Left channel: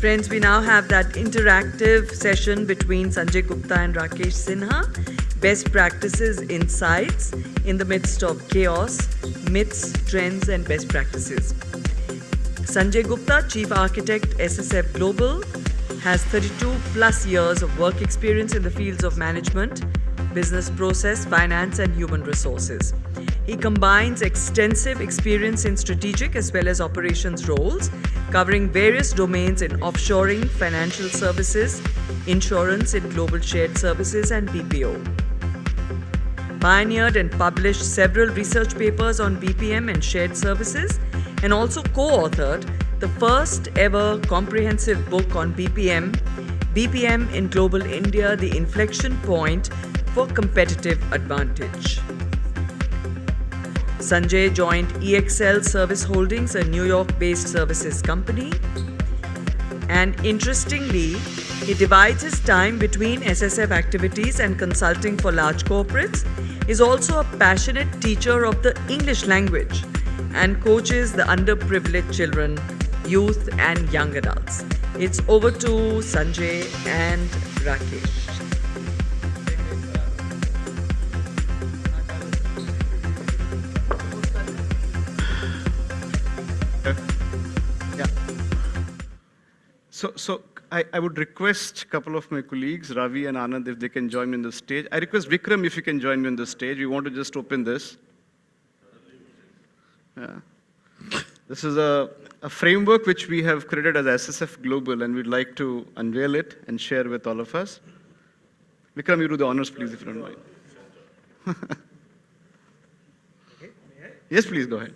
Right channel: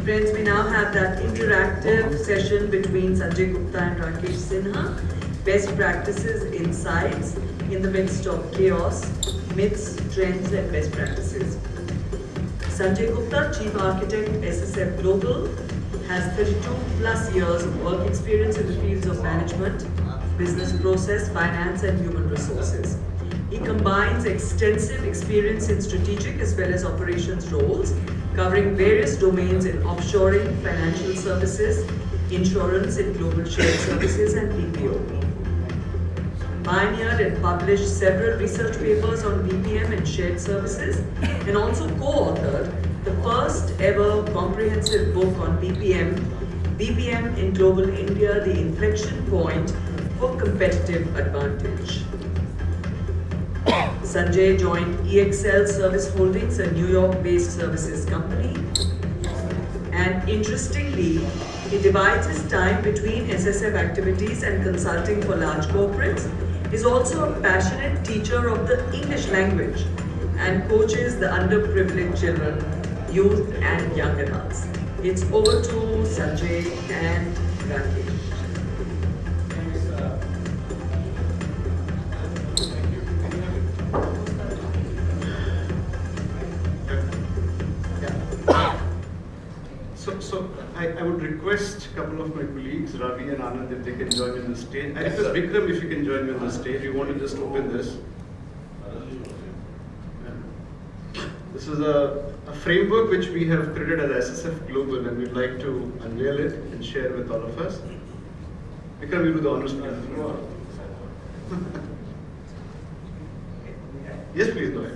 Friends, we now have that interactive session between Sanjay Gupta and Rakesh Sinha. Best practices, insights in the midst of chaos, myths, trends, and best practices. Sanjay Gupta, Chief Architect, SSF Global, has 32 plus years of work experience in the fields of management, business process, finance, and human resources. He combines extensive experience in strategic as well as operations roles, covering various domains in offshoring, financial services, insurance in global shared services, and BPO. Pioneered and published several research papers on BPM and shared services, and also co-authored the first ever comprehensive book on BPM in Global India, the inflection point for competitive advantage. Sanjay joined EXL Service Holdings, a New York-based services company. And interestingly, he divides his time between SSF activities and consulting for large corporates. He's also a passionate teacher of the English language and coaches the underprivileged children, youth and young adults. It's over to Sanjay and Rakesh. So I would request a couple of my colleagues, Ravi and Anand, if they can join me on the stage. I request Vikram if you can join me on the stage. We want to just open this. This is a framework which we have created as SSF Global, and we'd like to unveil it and share with all of us. Vikram, you do the honors, please. Yes, please go ahead.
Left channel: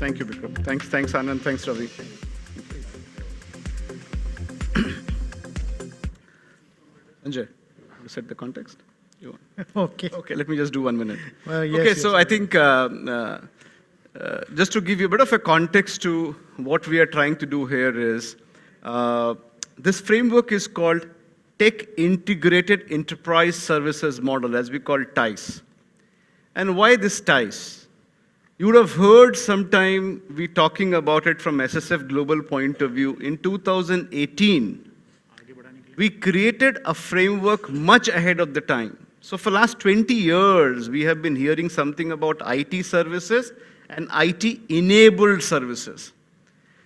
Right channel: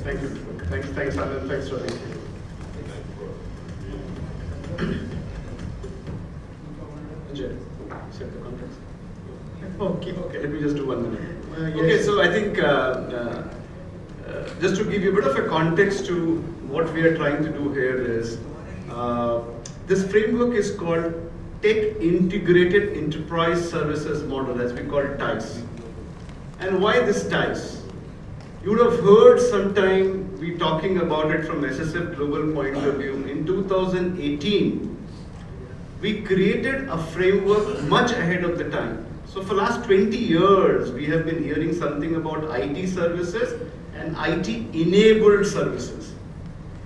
Thank you, Vikram. Thanks, Anand. Thanks, Ravi. Anjay, set the context. Okay. Okay, let me just do 1 minute. Yes. Okay, so I think just to give you a bit of a context to what we are trying to do here is, this framework is called Tech Integrated Enterprise Services Model, as we call it TICE. And why this TICE? You would have heard sometime we talking about it from SSF Global point of view. In 2018, we created a framework much ahead of the time. So for last 20 years, we have been hearing something about IT services and IT-enabled services.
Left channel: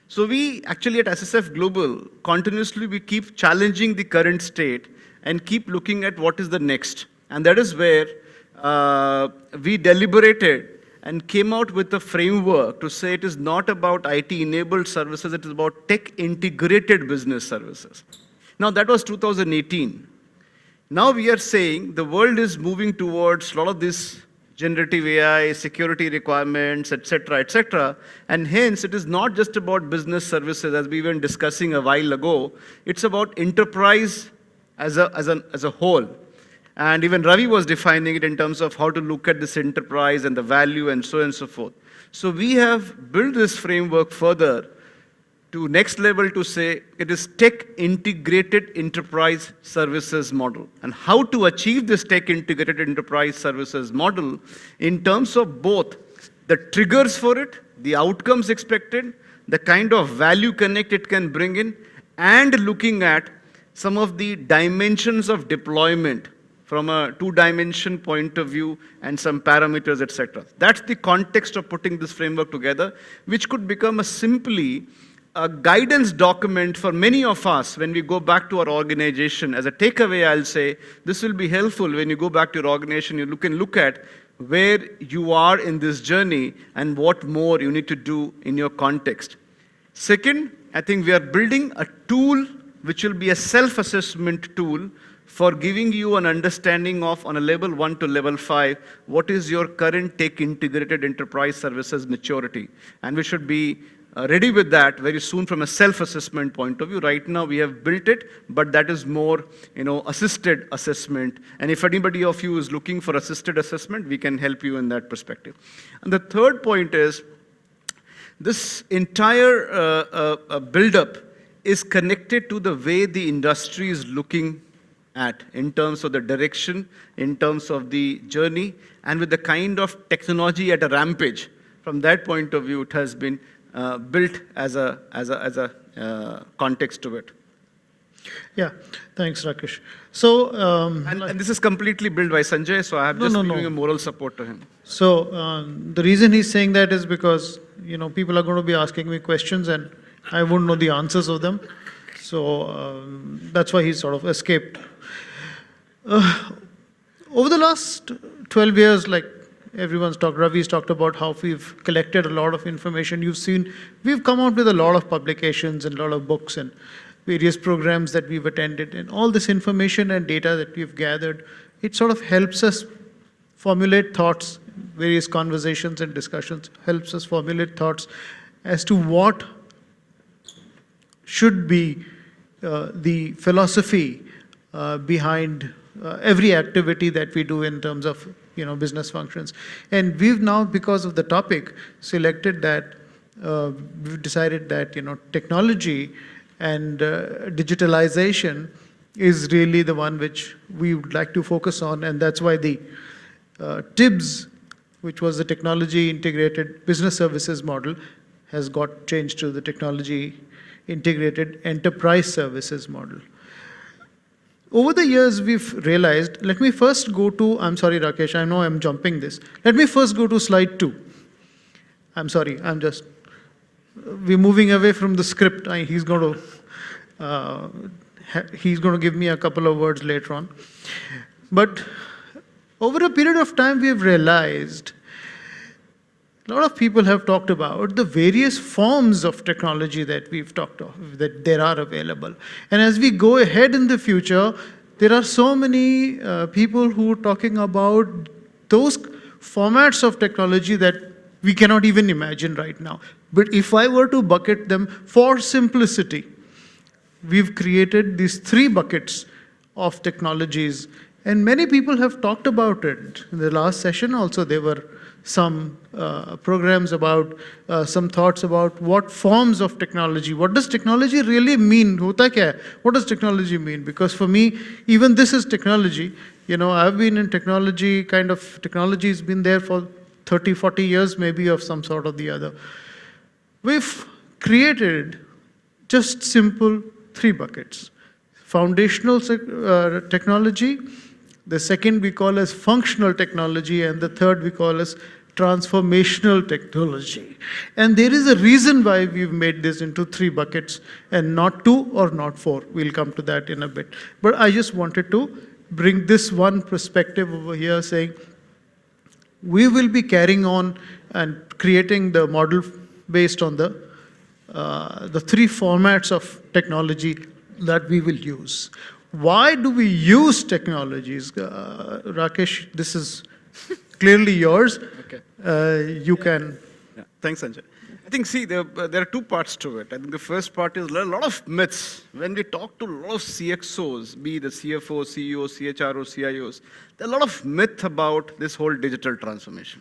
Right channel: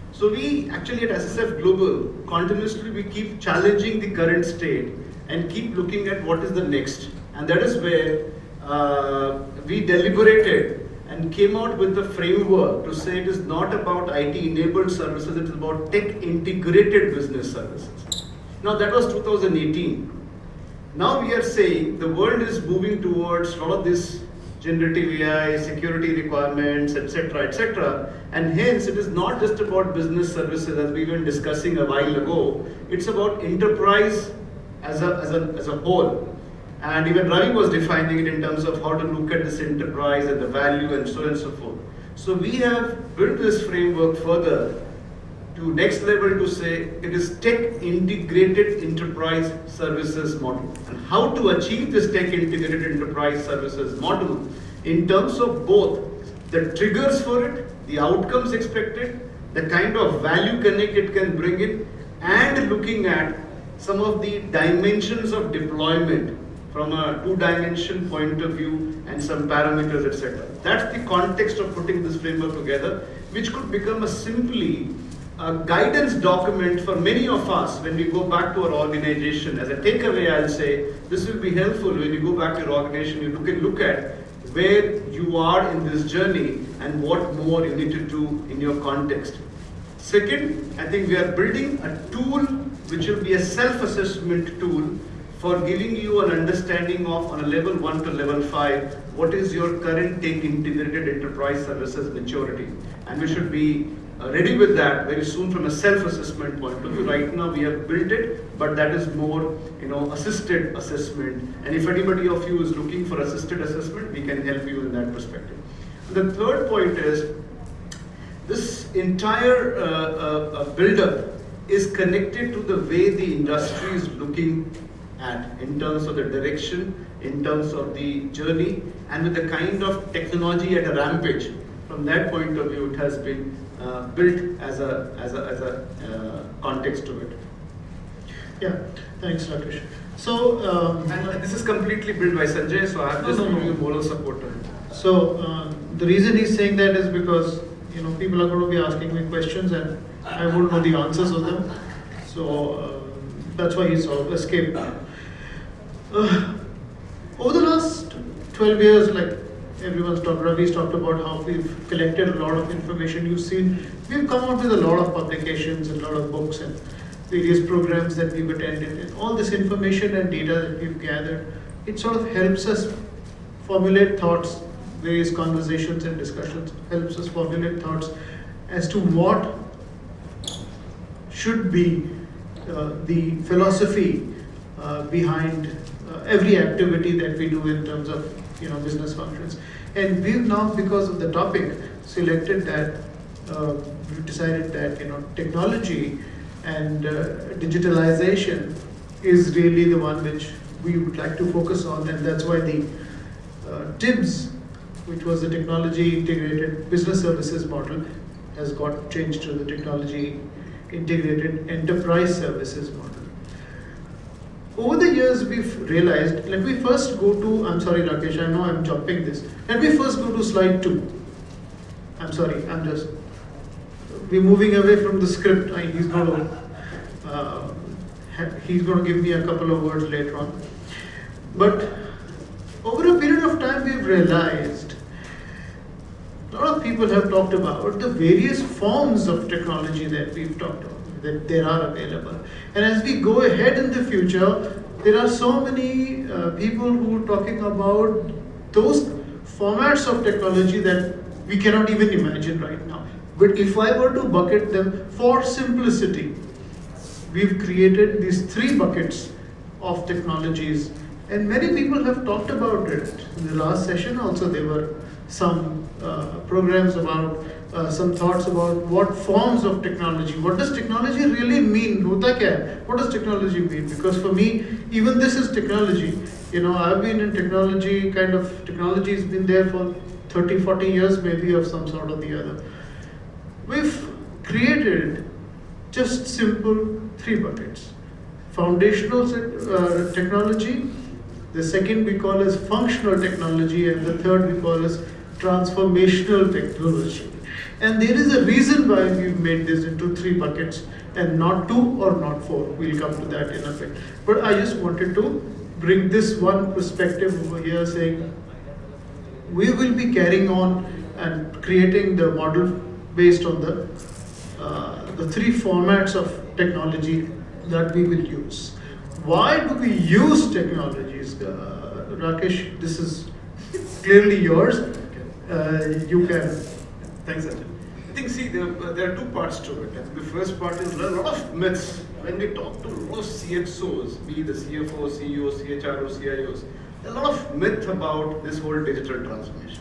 So we actually at SSF Global, continuously we keep challenging the current state and keep looking at what is the next. And that is where we deliberated and came out with a framework to say it is not about IT-enabled services, it is about tech-integrated business services. Now that was 2018. Now we are saying the world is moving towards a lot of this generative AI, security requirements, etc., and hence it is not just about business services as we were discussing a while ago. It's about enterprise as a whole. And even Ravi was defining it in terms of how to look at this enterprise and the value and so on and so forth. So we have built this framework further to next level to say it is tech integrated enterprise services model. And how to achieve this tech integrated enterprise services model in terms of both the triggers for it, the outcomes expected, the kind of value connect it can bring in, and looking at some of the dimensions of deployment from a two-dimension point of view and some parameters, etc. That's the context of putting this framework together, which could become simply a guidance document for many of us when we go back to our organization. As a takeaway, I'll say this will be helpful when you go back to your organization. You can look at where you are in this journey and what more you need to do in your context. Second, I think we are building a tool which will be a self-assessment tool for giving you an understanding of, on a level 1 to level 5, what is your current tech integrated enterprise services maturity. And we should be ready with that very soon from a self-assessment point of view. Right now we have built it, but that is more, assisted assessment. And if anybody of you is looking for assisted assessment, we can help you in that perspective. And the third point is, this entire build-up is connected to the way the industry is looking at, in terms of the direction, in terms of the journey, and with the kind of technology at a rampage. From that point of view, it has been built as a context to it. Yeah, thanks, Rakesh. So, and this is completely built by Sanjay, so I have just given you moral support to him. So, the reason he's saying that is because, people are going to be asking me questions and I won't know the answers of them. So, that's why he sort of escaped. Over the last 12 years, like Ravi's talked about how we've collected a lot of information. You've seen, we've come out with a lot of publications and a lot of books and various programs that we've attended. And all this information and data that we've gathered, it sort of helps us formulate thoughts, various conversations and discussions, helps us formulate thoughts as to what should be the philosophy behind every activity that we do in terms of business functions. And we've now, because of the topic, selected that we've decided that technology and digitalization is really the one which we would like to focus on, and that's why the TIBS, which was the Technology Integrated Business Services model, has got changed to the Technology Integrated Enterprise Services model. Over the years, we've realized, let me first go to, I'm sorry, Rakesh, I know I'm jumping this. Let me first go to slide 2. I'm sorry, we're moving away from the script. He's going to give me a couple of words later on. But over a period of time, we've realized a lot of people have talked about the various forms of technology that we've talked about, that there are available. And as we go ahead in the future, there are so many people who are talking about those formats of technology that we cannot even imagine right now. But if I were to bucket them for simplicity, we've created these 3 buckets of technologies. And many people have talked about it. In the last session also, there were some programs about, some thoughts about what forms of technology, what does technology really mean? Hota kya hai? What does technology mean? Because for me, even this is technology. I've been in technology has been there for 30, 40 years maybe of some sort or the other. We've created just simple 3 buckets. Foundational technology, the second we call as functional technology, and the third we call as transformational technology. And there is a reason why we've made this into 3 buckets and not 2 or not 4. We'll come to that in a bit. But I just wanted to bring this one perspective over here, saying we will be carrying on and creating the model based on the 3 formats of technology that we will use. Why do we use technologies? Rakesh, this is clearly yours. You can. Thanks, Sanjay. I think, there are 2 parts to it. I think the first part is there are a lot of myths. When we talk to a lot of CXOs, be the CFO, CEO, CHRO, CIOs, there are a lot of myth about this whole digital transformation.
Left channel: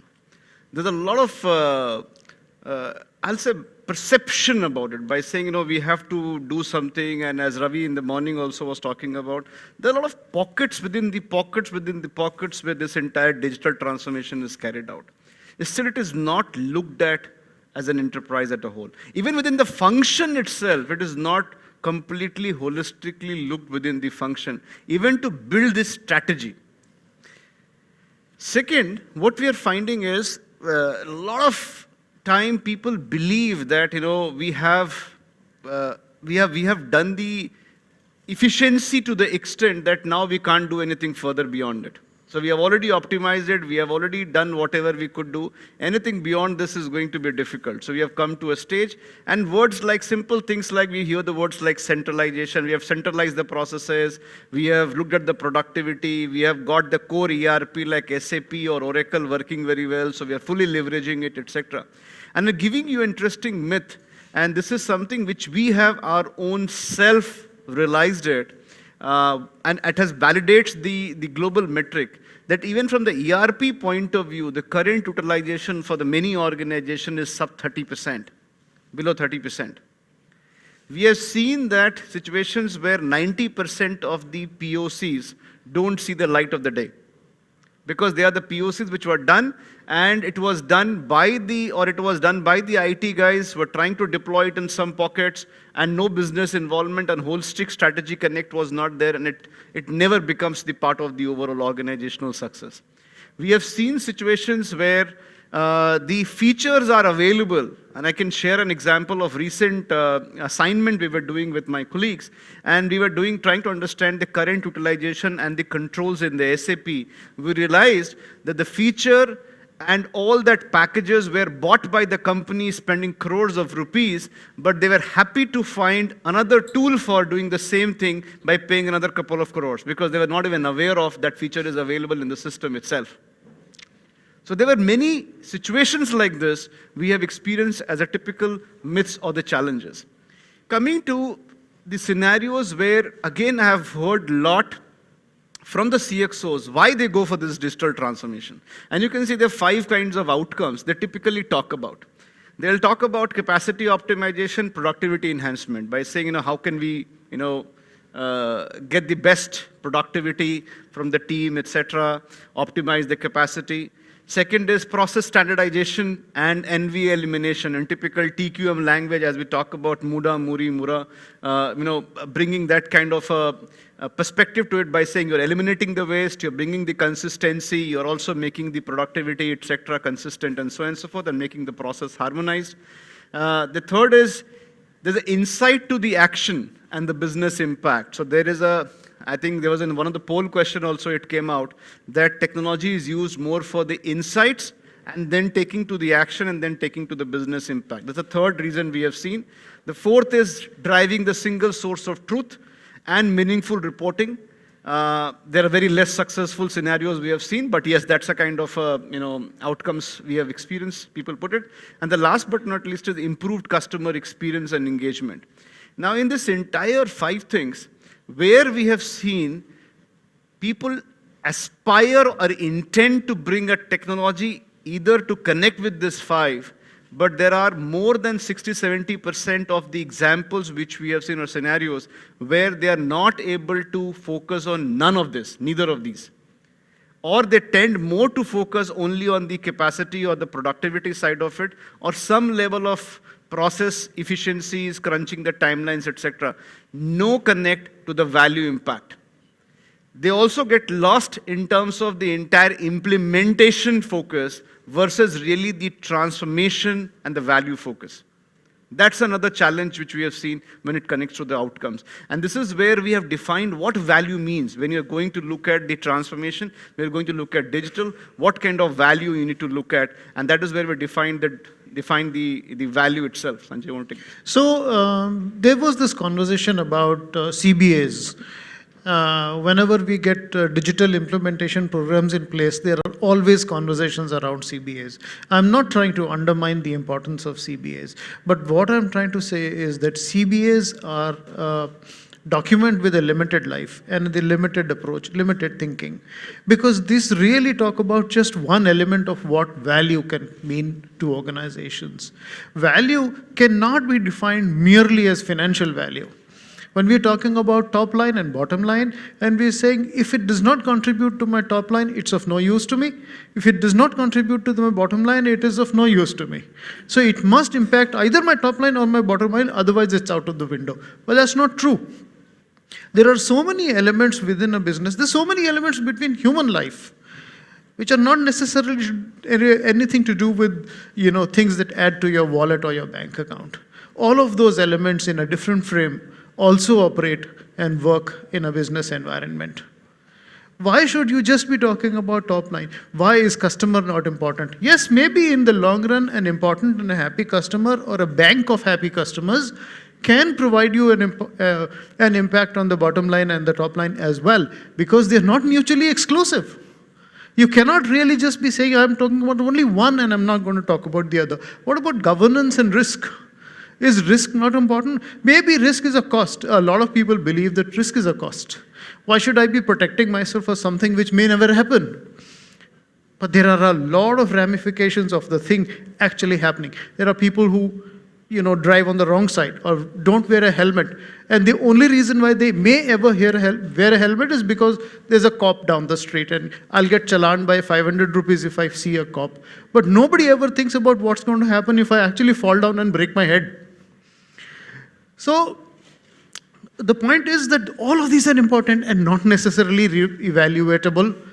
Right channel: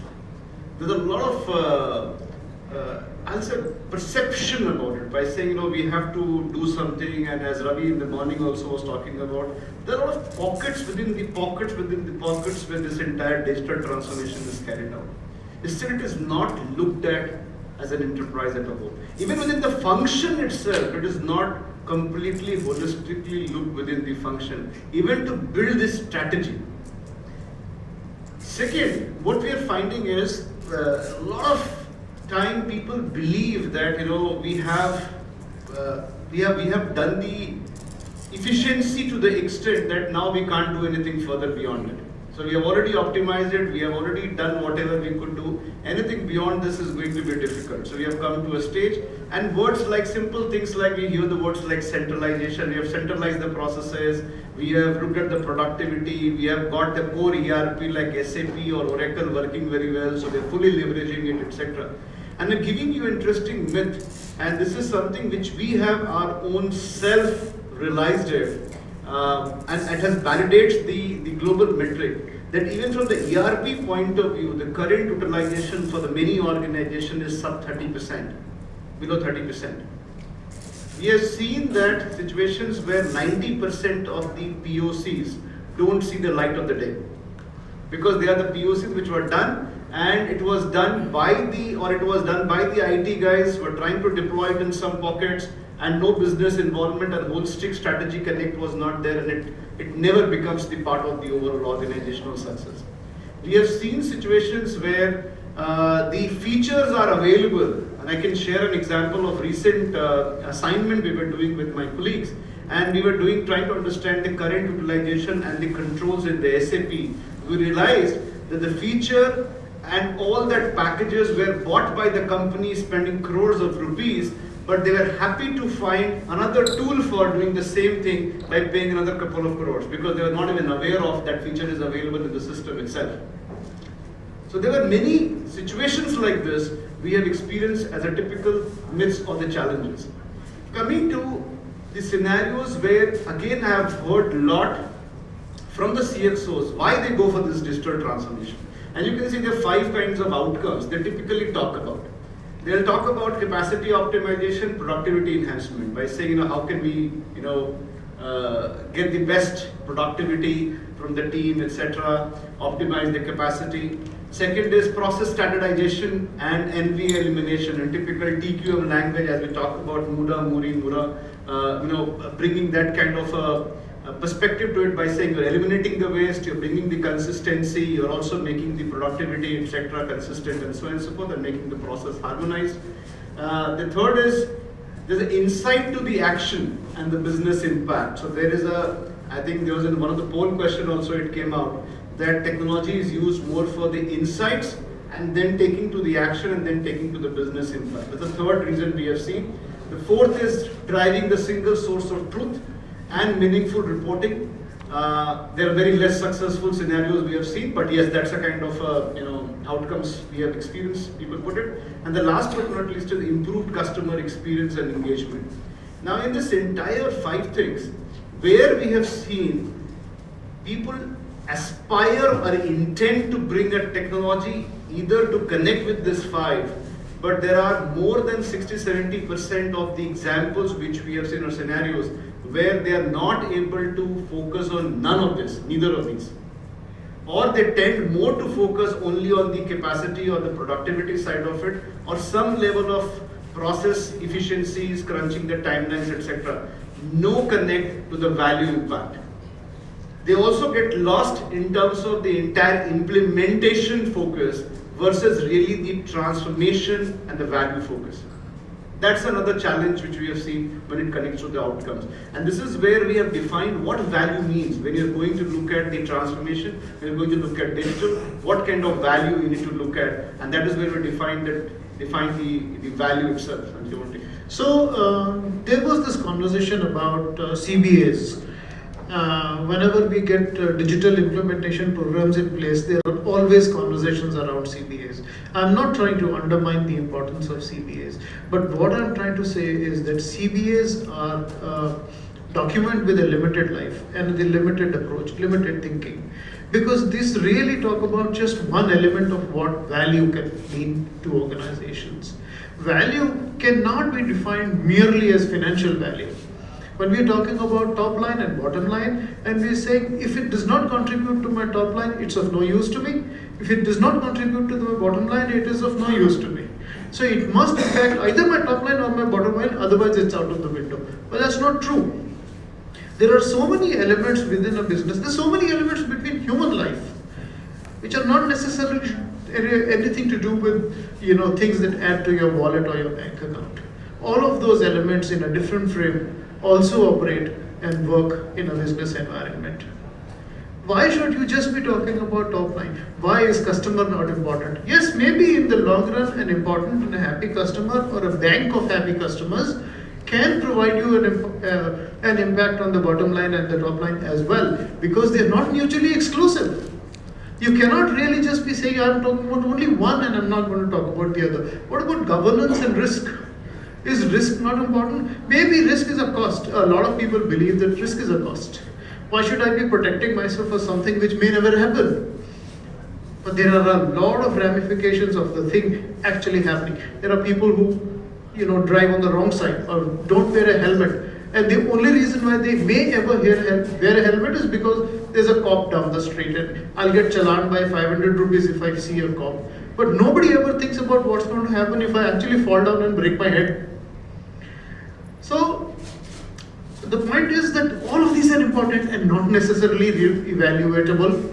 There's a lot of I'll say perception about it, by saying, we have to do something, and as Ravi in the morning also was talking about, there are a lot of pockets within the pockets where this entire digital transformation is carried out. Still, it is not looked at as an enterprise at a whole. Even within the function itself, it is not completely holistically looked within the function, even to build this strategy. Second, what we are finding is a lot of time people believe that we have done the efficiency to the extent that now we can't do anything further beyond it. So we have already optimized it, we have already done whatever we could do. Anything beyond this is going to be difficult. So we have come to a stage, and words like simple things like, we hear the words like centralization, we have centralized the processes, we have looked at the productivity, we have got the core ERP like SAP or Oracle working very well, so we are fully leveraging it, etc. And we're giving you interesting myth, and this is something which we have our own self realized it. And it has validates the global metric that even from the ERP point of view, the current utilization for the many organizations is sub 30%, below 30%. We have seen that situations where 90% of the POCs don't see the light of the day, because they are the POCs which were done, and it was done by the IT guys who were trying to deploy it in some pockets, and no business involvement and whole strict strategy connect was not there, and it never becomes the part of the overall organizational success. We have seen situations where the features are available, and I can share an example of recent assignment we were doing with my colleagues, and we were trying to understand the current utilization and the controls in the SAP. We realized that the feature and all that packages were bought by the company spending crores of rupees, but they were happy to find another tool for doing the same thing by paying another couple of crores, because they were not even aware of that feature is available in the system itself. So there were many situations like this we have experienced as a typical myths or the challenges. Coming to the scenarios where again I have heard a lot from the CXOs why they go for this digital transformation. And you can see there are 5 kinds of outcomes they typically talk about. They'll talk about capacity optimization, productivity enhancement by saying, how can we, get the best productivity from the team, etc., optimize the capacity. Second is process standardization and NVA elimination, and typical TQM language as we talk about Muda, Muri, Mura, bringing that kind of a perspective to it by saying you're eliminating the waste, you're bringing the consistency, you're also making the productivity, etc., consistent, and so on and so forth, and making the process harmonized. The third is there's an insight to the action and the business impact. So there is I think there was in one of the poll question also it came out that technology is used more for the insights and then taking to the action and then taking to the business impact. That's the third reason we have seen. The fourth is driving the single source of truth and meaningful reporting. There are very less successful scenarios we have seen, but yes, that's a kind of outcomes we have experienced, people put it. And the last but not least is improved customer experience and engagement. Now in this entire 5 things, where we have seen people aspire or intend to bring a technology either to connect with this 5, but there are more than 60-70% of the examples which we have seen or scenarios where they are not able to focus on none of this, neither of these. Or they tend more to focus only on the capacity or the productivity side of it, or some level of process efficiencies, crunching the timelines, etc. No connect to the value impact. They also get lost in terms of the entire implementation focus versus really the transformation and the value focus. That's another challenge which we have seen when it connects to the outcomes. And this is where we have defined what value means. When you're going to look at the transformation, we're going to look at digital, what kind of value you need to look at, and that is where we define the value itself. And you want to take it. So there was this conversation about CBAs. Whenever we get digital implementation programs in place, there are always conversations around CBAs. I'm not trying to undermine the importance of CBAs, but what I'm trying to say is that CBAs are document with a limited life and the limited approach, limited thinking, because these really talk about just one element of what value can mean to organizations. Value cannot be defined merely as financial value. When we're talking about top line and bottom line, and we're saying if it does not contribute to my top line, it's of no use to me. If it does not contribute to my bottom line, it is of no use to me. So it must impact either my top line or my bottom line, otherwise it's out of the window. But that's not true. There are so many elements within a business, there's so many elements between human life, which are not necessarily anything to do with things that add to your wallet or your bank account. All of those elements in a different frame also operate and work in a business environment. Why should you just be talking about top line? Why is customer not important? Yes, maybe in the long run, an important and a happy customer or a bank of happy customers can provide you an impact on the bottom line and the top line as well, because they're not mutually exclusive. You cannot really just be saying, I'm talking about only one and I'm not going to talk about the other. What about governance and risk? Is risk not important? Maybe risk is a cost. A lot of people believe that risk is a cost. Why should I be protecting myself for something which may never happen? But there are a lot of ramifications of the thing actually happening. There are people who, drive on the wrong side or don't wear a helmet. And the only reason why they may ever wear a helmet is because there's a cop down the street and I'll get challaned by 500 rupees if I see a cop. But nobody ever thinks about what's going to happen if I actually fall down and break my head. So the point is that all of these are important and not necessarily evaluatable.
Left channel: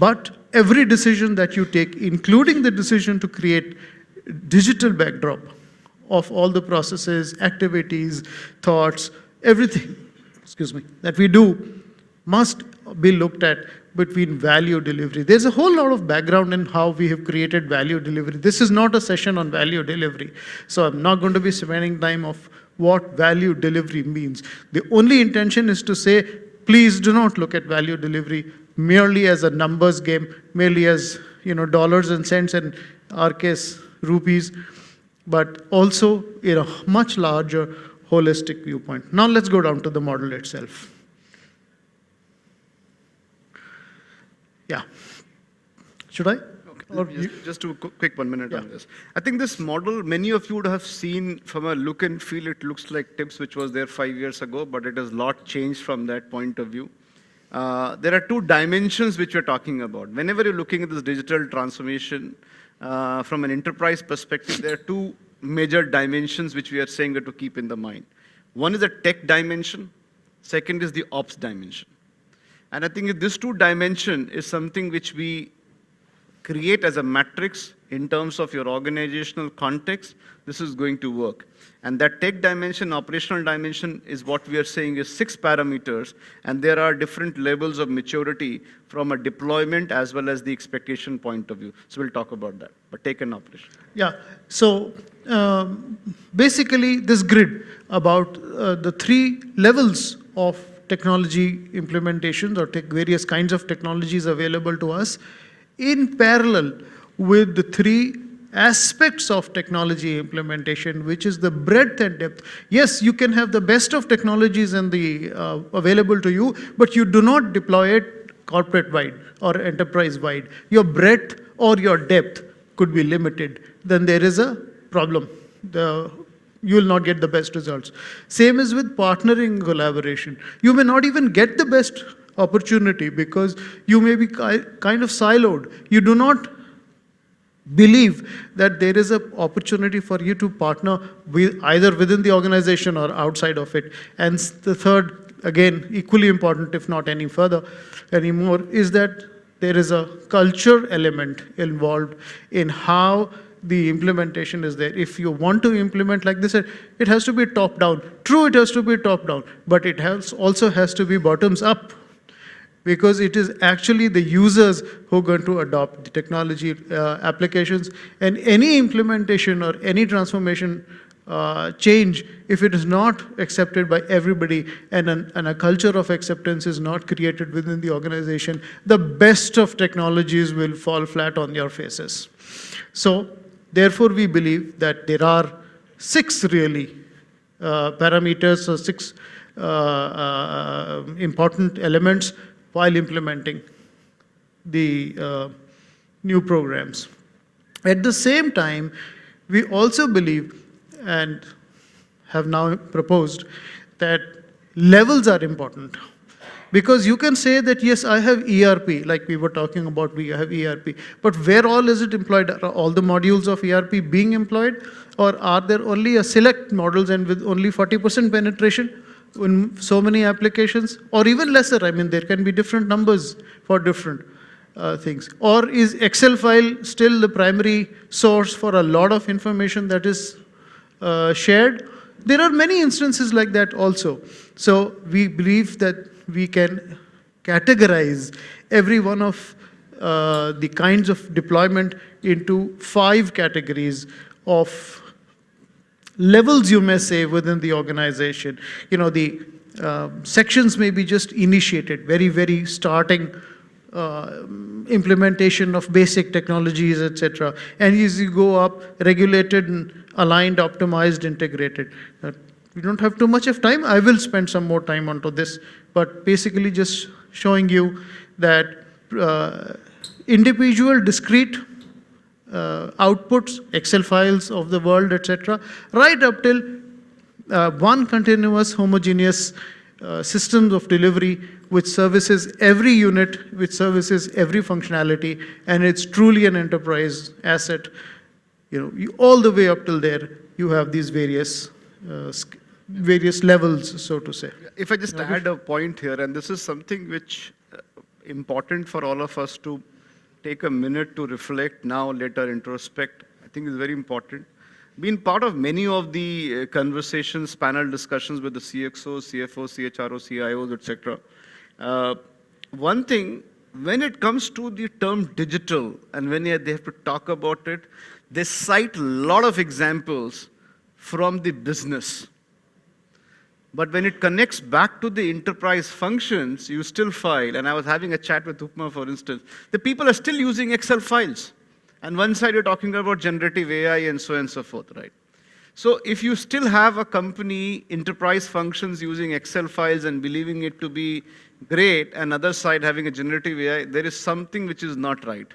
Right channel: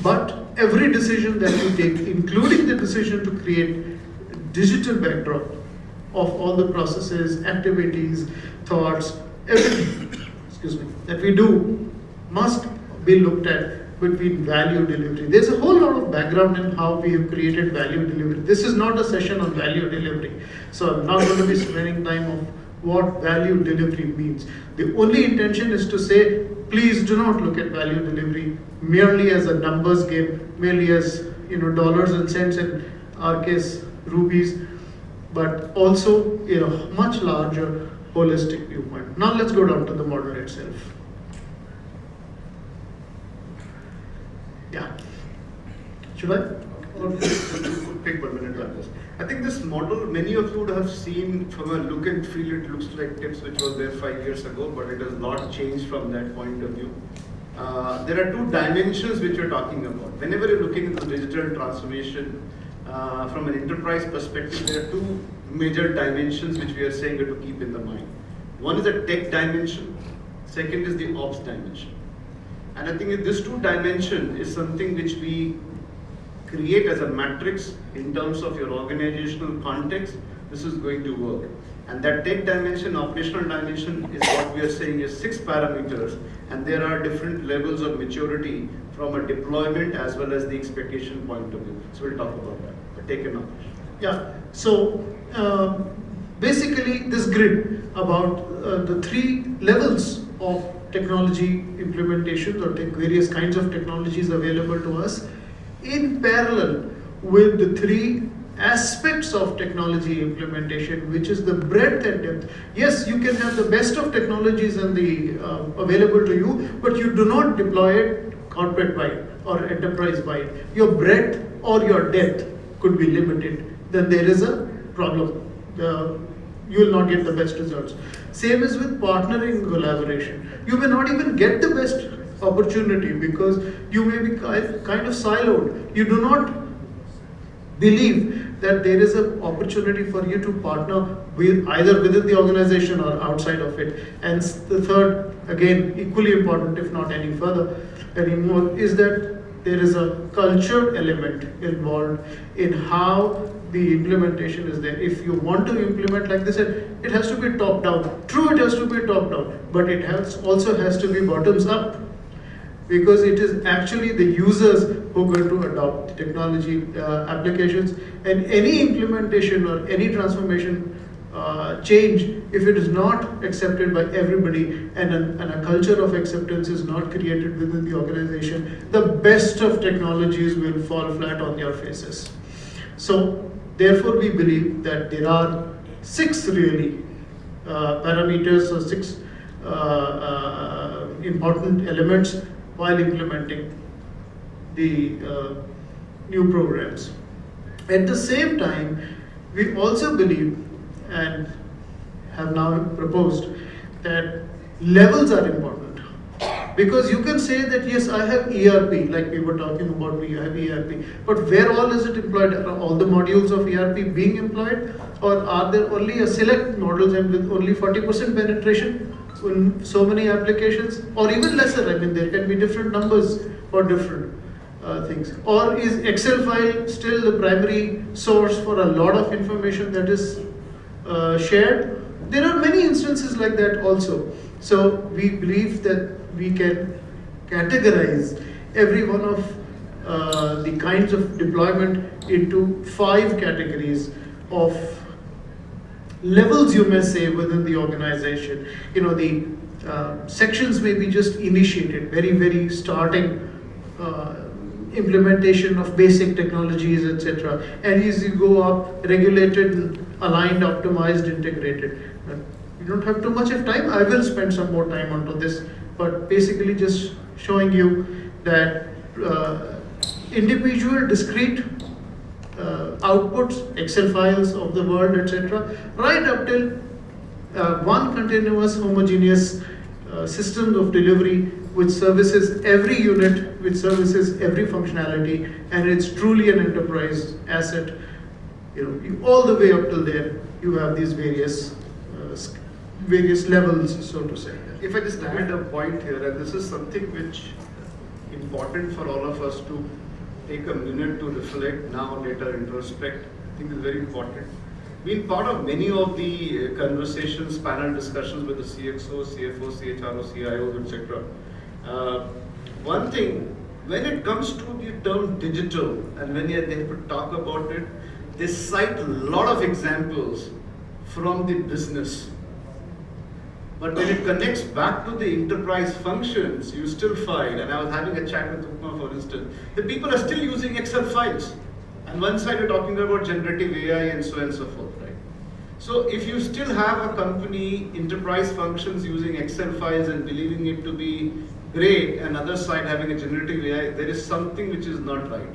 But every decision that you take, including the decision to create digital backdrop of all the processes, activities, thoughts, everything, that we do must be looked at between value delivery. There's a whole lot of background in how we have created value delivery. This is not a session on value delivery. So I'm not going to be spending time of what value delivery means. The only intention is to say, please do not look at value delivery merely as a numbers game, merely as dollars and cents, and our case rupees, but also in a much larger holistic viewpoint. Now let's go down to the model itself. Yeah. Should I? Just to quick 1 minute on this. I think this model, many of you would have seen from a look and feel, it looks like TIPS, which was there 5 years ago, but it has a lot changed from that point of view. There are two dimensions which we're talking about. Whenever you're looking at this digital transformation, from an enterprise perspective, there are two major dimensions which we are saying to keep in the mind. One is the tech dimension, second is the ops dimension. And I think if this two dimension is something which we create as a matrix in terms of your organizational context, this is going to work. And that tech dimension, operational dimension, is what we are saying is 6 parameters, and there are different levels of maturity from a deployment as well as the expectation point of view. So we'll talk about that, but take an operation. Yeah, so basically this grid about the 3 levels of technology implementations or various kinds of technologies available to us in parallel with the 3 aspects of technology implementation, which is the breadth and depth. Yes, you can have the best of technologies and the available to you, but you do not deploy it corporate wide or enterprise wide. Your breadth or your depth could be limited. Then there is a problem. You will not get the best results. Same is with partnering collaboration. You may not even get the best opportunity because you may be kind of siloed. You do not believe that there is an opportunity for you to partner with either within the organization or outside of it. And the third, again, equally important, if not any further anymore, is that there is a culture element involved in how the implementation is there. If you want to implement, like they said, it has to be top down. True, it has to be top down, but it also has to be bottoms up, because it is actually the users who are going to adopt the technology applications, and any implementation or any transformation change, if it is not accepted by everybody and a culture of acceptance is not created within the organization, the best of technologies will fall flat on their faces. So therefore we believe that there are 6 really parameters or 6 important elements while implementing the new programs. At the same time, we also believe and have now proposed that levels are important, because you can say that yes, I have ERP, like we were talking about, we have ERP, but where all is it employed? Are all the modules of ERP being employed, or are there only a select models and with only 40% penetration in so many applications, or even lesser? I mean, there can be different numbers for different things. Or is Excel file still the primary source for a lot of information that is shared? There are many instances like that also. So we believe that we can categorize every one of the kinds of deployment into 5 categories of levels, you may say, within the organization. The sections may be just initiated, very, very starting implementation of basic technologies, etc. And as you go up, regulated, aligned, optimized, integrated. We don't have too much of time. I will spend some more time onto this, but basically just showing you that individual, discrete outputs, Excel files of the world, etc., right up till one continuous, homogeneous systems of delivery which services every unit, which services every functionality, and it's truly an enterprise asset. All the way up till there, you have these various levels, so to say. If I just add a point here, and this is something which important for all of us to take a minute to reflect now, later introspect, I think is very important. Been part of many of the conversations, panel discussions with the CXOs, CFOs, CHROs, CIOs, etc. One thing, when it comes to the term digital, and when they have to talk about it, they cite a lot of examples from the business. But when it connects back to the enterprise functions, you still find, and I was having a chat with Upma, for instance, the people are still using Excel files. And one side you're talking about generative AI and so on and so forth, right? So if you still have a company, enterprise functions using Excel files and believing it to be great, and other side having a generative AI, there is something which is not right.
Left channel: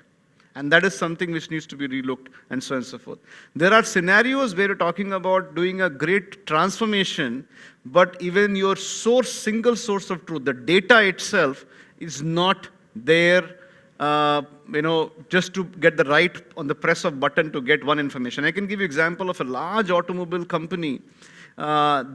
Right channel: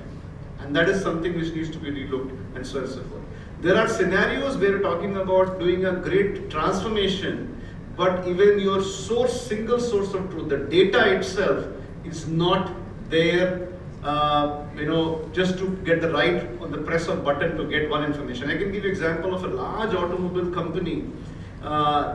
And that is something which needs to be relooked and so on and so forth. There are scenarios where you're talking about doing a great transformation, but even your single source of truth, the data itself is not there, just to get the right on the press of button to get one information. I can give you example of a large automobile company.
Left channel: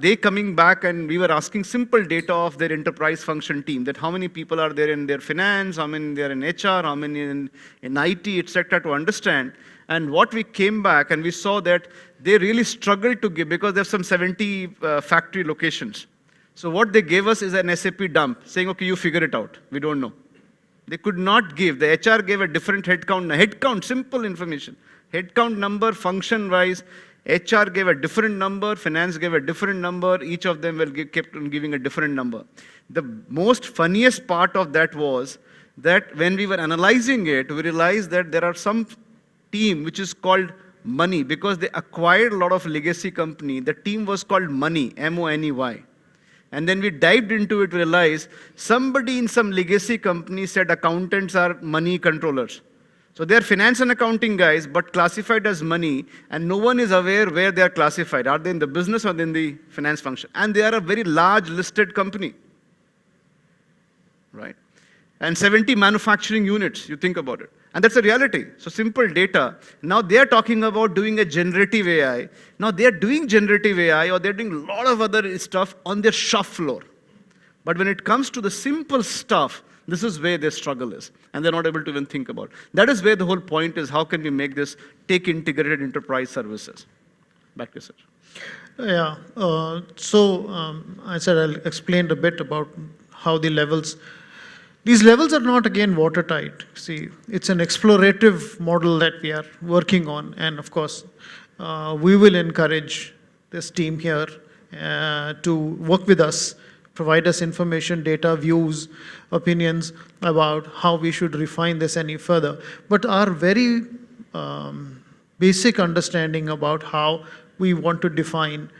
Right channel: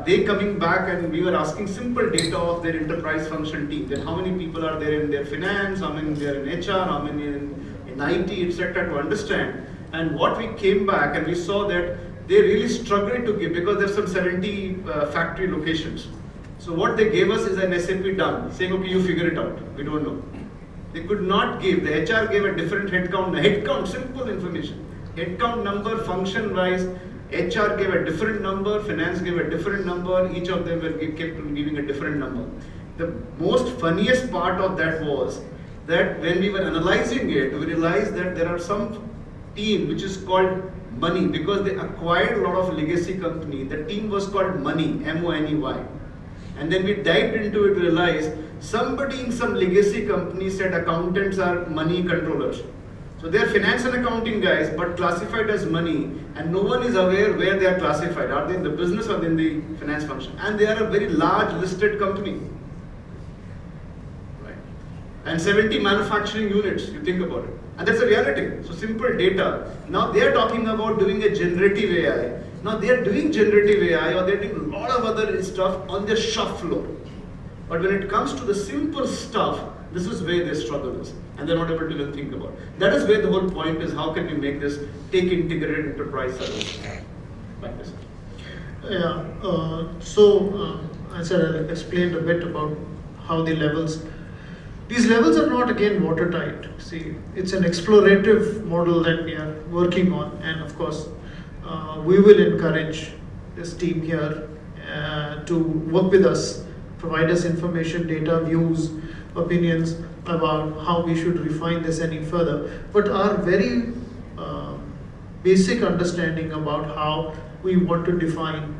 They coming back and we were asking simple data of their enterprise function team, that how many people are there in their finance, how many there in HR, how many in IT, etc., to understand. And what we came back and we saw that they really struggled to give, because there's some 70 factory locations. So what they gave us is an SAP dump, saying, okay, you figure it out. We don't know. They could not give. The HR gave a different headcount, simple information. Headcount number, function wise. HR gave a different number, finance gave a different number. Each of them kept on giving a different number. The most funniest part of that was that when we were analyzing it, we realized that there are some team which is called Money, because they acquired a lot of legacy company. The team was called Money, M-O-N-E-Y. And then we dived into it, realized somebody in some legacy company said accountants are money controllers. So they are finance and accounting guys, but classified as money, and no one is aware where they are classified. Are they in the business or in the finance function? And they are a very large listed company. Right? And 70 manufacturing units, you think about it. And that's a reality. So simple data. Now they are talking about doing a generative AI. Now they are doing generative AI, or they're doing a lot of other stuff on their shop floor. But when it comes to the simple stuff, this is where their struggle is. And they're not able to even think about it. That is where the whole point is, how can we make this take integrated enterprise services? Back to you. Yeah, I said I'll explain a bit about how these levels are not again watertight. See, it's an explorative model that we are working on, and of course, we will encourage this team here to work with us, provide us information, data, views, opinions about how we should refine this any further. But our very basic understanding about how we want to define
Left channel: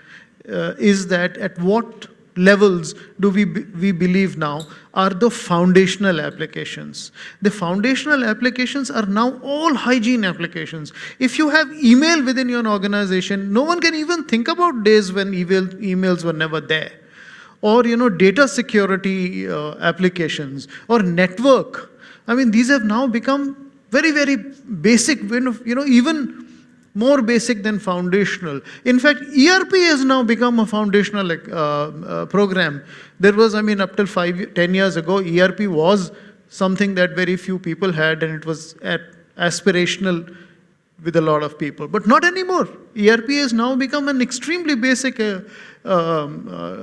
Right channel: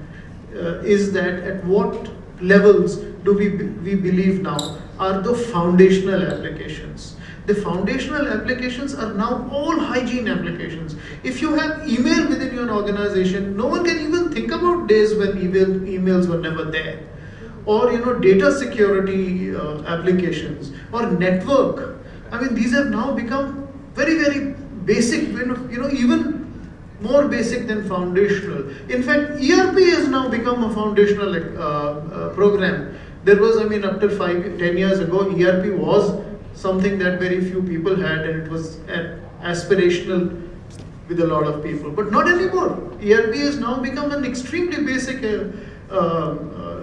is that at what levels do we believe now are the foundational applications. The foundational applications are now all hygiene applications. If you have email within your organization, no one can even think about days when emails were never there. Or data security applications or network. I mean, these have now become very, very basic, even more basic than foundational. In fact, ERP has now become a foundational program. There was, up till 10 years ago, ERP was something that very few people had, and it was aspirational with a lot of people. But not anymore. ERP has now become an extremely basic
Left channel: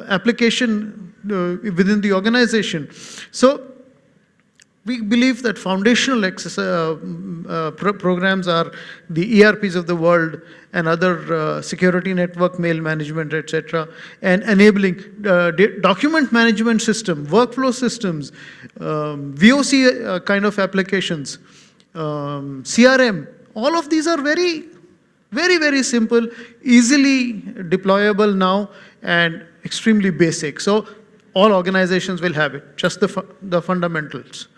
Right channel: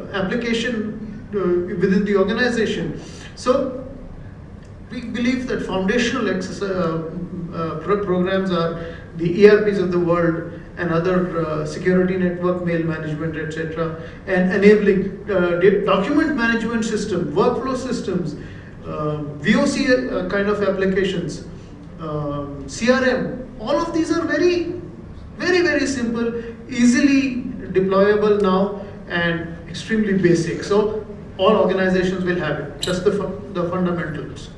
application within the organization. So we believe that foundational programs are the ERPs of the world and other security network, mail management, etc., and enabling document management system, workflow systems, VOC kind of applications, CRM. All of these are very, very, very simple, easily deployable now, and extremely basic. So all organizations will have it, just the fundamentals.